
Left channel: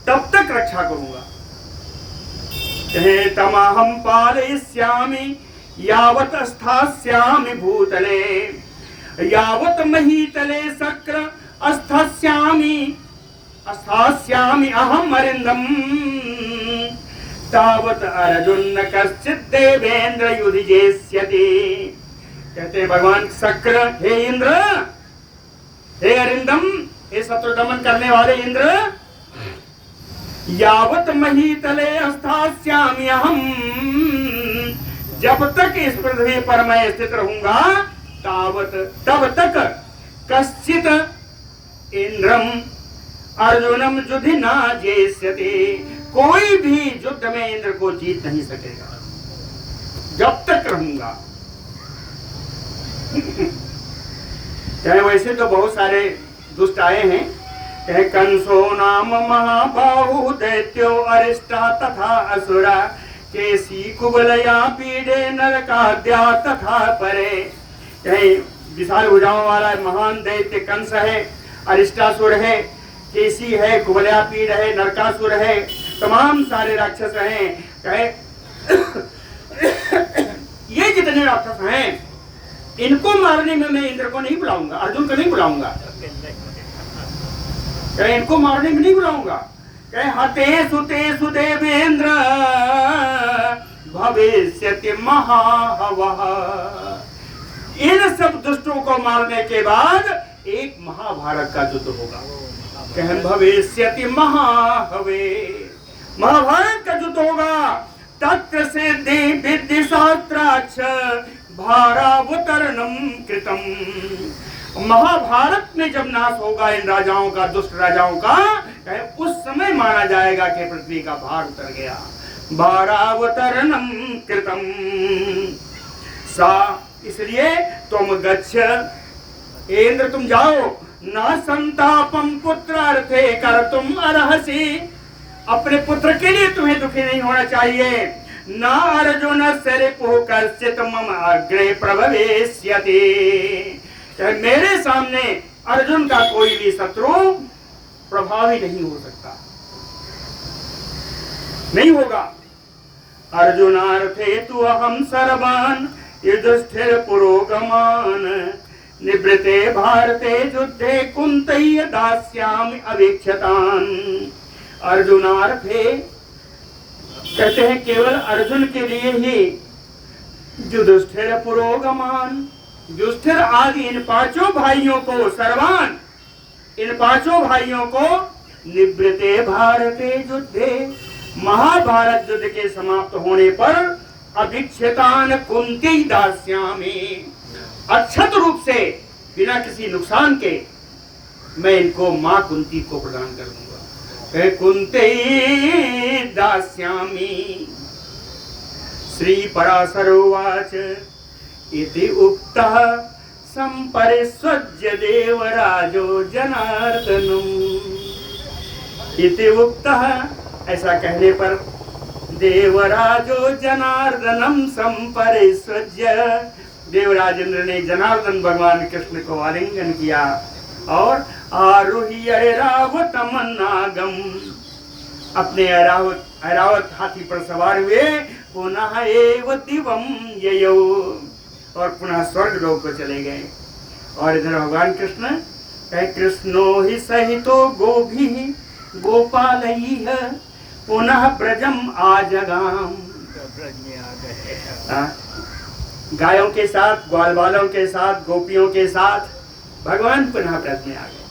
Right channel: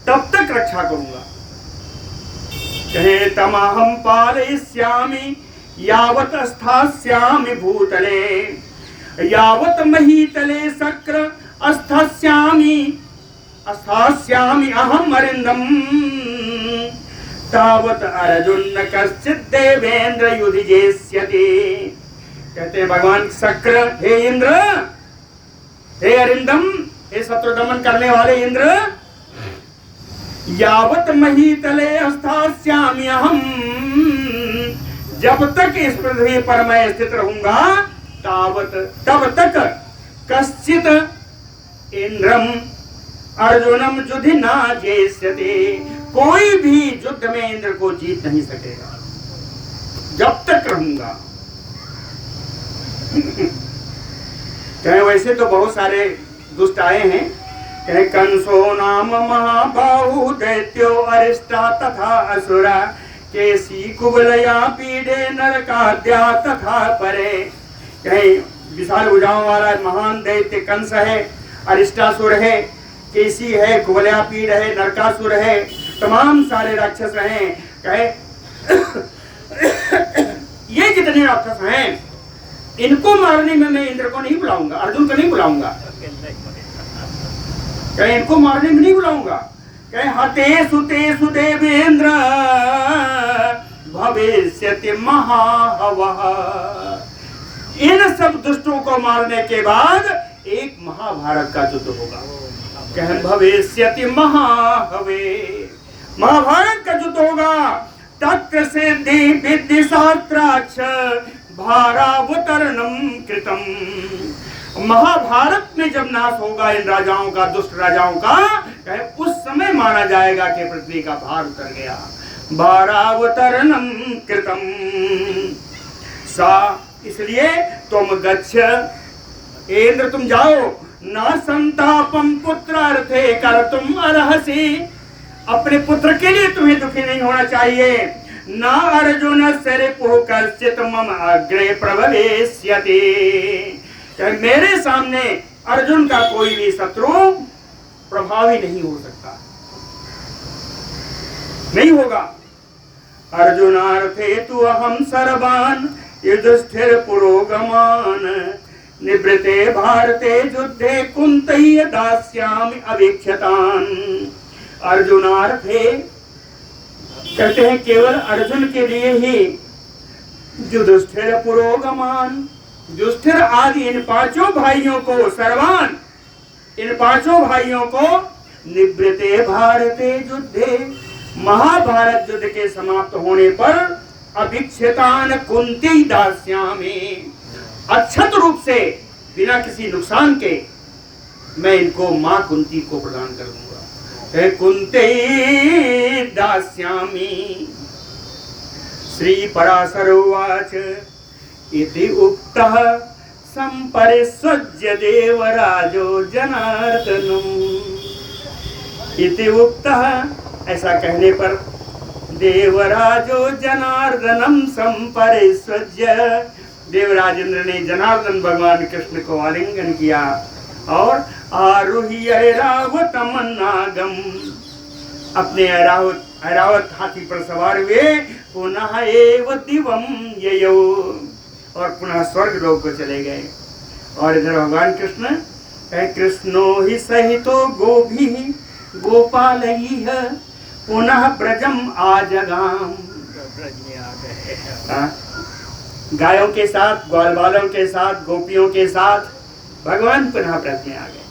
तब तक रक्षा करूंगा। कहे तमहम पालयिष्यामि यावत स्थास्यामि भूतले, यावत महीतले शक्र स्थास्यामि अहम अरिंदम, तावत अर्जुन कश्चित् देवेंद्र युधिजेष्यति। कहते हैं भगवान शक्र, हे इंद्र, हे अरिंदम, हे शत्रु दमन करने वाले इंद्र, यावत महीतले स्थास्यामि अहम, जब तक इस पृथ्वी पर मैं स्थित रहूंगा तब तक कश्चित इंद्रम अर्जुनम युधि न जेष्यति, कोई भी युद्ध में इंद्र को जीत नहीं सकेगा जब तक रहूंगा। कहे वैसे तो बहुत सारे दुष्ट आए हैं, कहे कंसो नाम महाबाहु दैत्यो अरिष्टा तथा असुरा, केसी कुबलया पीड़े नरकाद्या तथा परे। कहे विशाल भुजाओं वाला महान दैत्य कंस है, अरिष्टासुर है, केसी है, कुबलया पीड़ है, नरकासुर है, तमाम सारे राक्षस हैं। कहे ये जितने राक्षस हैं इनको मारने में मैं इंद्र को नहीं बुलाऊंगा, अर्जुन को नहीं बुलाऊंगा। कहे इनको मारने में नहीं बुलाऊंगा। कहे हतेषु तेषु देवेंद्र भविष्यति महाहवः, इन सब दुष्टों को मारने के बाद एक महाभारत का युद्ध होगा। कहे भविष्यति महाहवे, महाभारत का युद्ध होगा। तत्र सिद्धि विद्धि शास्त्राक्ष भारावतरणम कृतम, महाभारत में जब नाश होगा इन राजाओं का, दुष्ट राजाओं का, उस समय माना जाएगा कि पृथ्वी का भार उतर गया। भारावतरणम कृतम सा, इसलिए तुम गच्छ, इंद्र तुम जाओ, न संतापम पुत्रार्थे कर तुम अर्हसि, अपने पुत्र के लिए तुम्हें दुखी नहीं होना चाहिए। न अर्जुन सरिपुः कश्चित् मम अग्रे प्रभवेष्यति, मेरे सामने अर्जुन का कोई भी शत्रु प्रभावी नहीं हो सकता, नहीं होगा। अर्जुनार्थे तु अहम सर्वान् युधिष्ठिर पुरोगमान्, निवृते भारते युद्धे कुंतैः दास्यामि अवीक्षतान्। अर्जुनार्थे कहते हैं केवल अर्जुन के लिए ही, युधिष्ठिर पुरोगमान, युधिष्ठिर आदि इन पांचों भाइयों को, सर्वान इन पांचों भाइयों को, निवृते भारते युद्धे, महाभारत युद्ध के समाप्त होने पर अभिक्षतान कुंती दास्यामि, अक्षत रूप से बिना किसी नुकसान के मैं इनको मां कुंती को प्रदान कर दूंगा। कुंते दास्यामि। श्री पराशर उवाच इति उक्तः संपरिस्वज्य देवराजो जनार्दनम्, इति उक्तः, ऐसा कहने पर देवराजो जनार्दनम संपरिस्वज्य देवराजेंद्र ने जनार्दन भगवान कृष्ण को आलिंगन किया और आरोही ऐरावत मन्नागम, अपने ऐरावत हाथी पर सवार हुए, पुनः एव दिवम ययो, और पुनः स्वर्ग लोक को चले गए। और इधर भगवान कृष्ण कहे कृष्णो ही सहितो गोभी गोपालयः पुनः ब्रजम आजगाम, ब्रज में आ गए। गायों के साथ, ग्वाल बालों के साथ, गोपियों के साथ भगवान पुनः ब्रज में आ गए।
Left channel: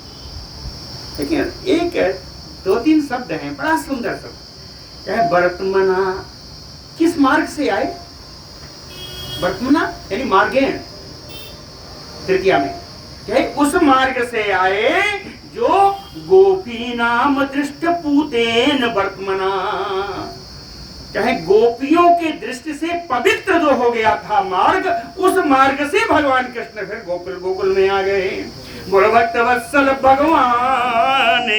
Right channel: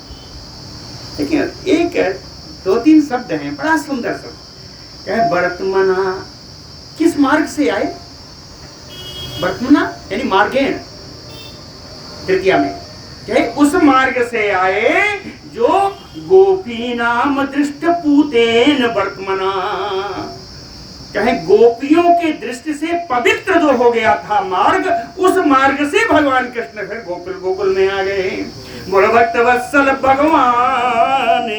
लेकिन एक दो तीन शब्द हैं, बड़ा सुंदर शब्द क्या है, वर्तमना, किस मार्ग से आए? वर्तमना यानी मार्गेण, तृतीया में क्या है, उस मार्ग से आए जो गोपी नाम दृष्ट पूतेन वर्तमना, चाहे गोपियों के दृष्टि से पवित्र जो हो गया था मार्ग, उस मार्ग से भगवान कृष्ण फिर गोकुल में आ गए। बोलो भक्त वत्सल भगवान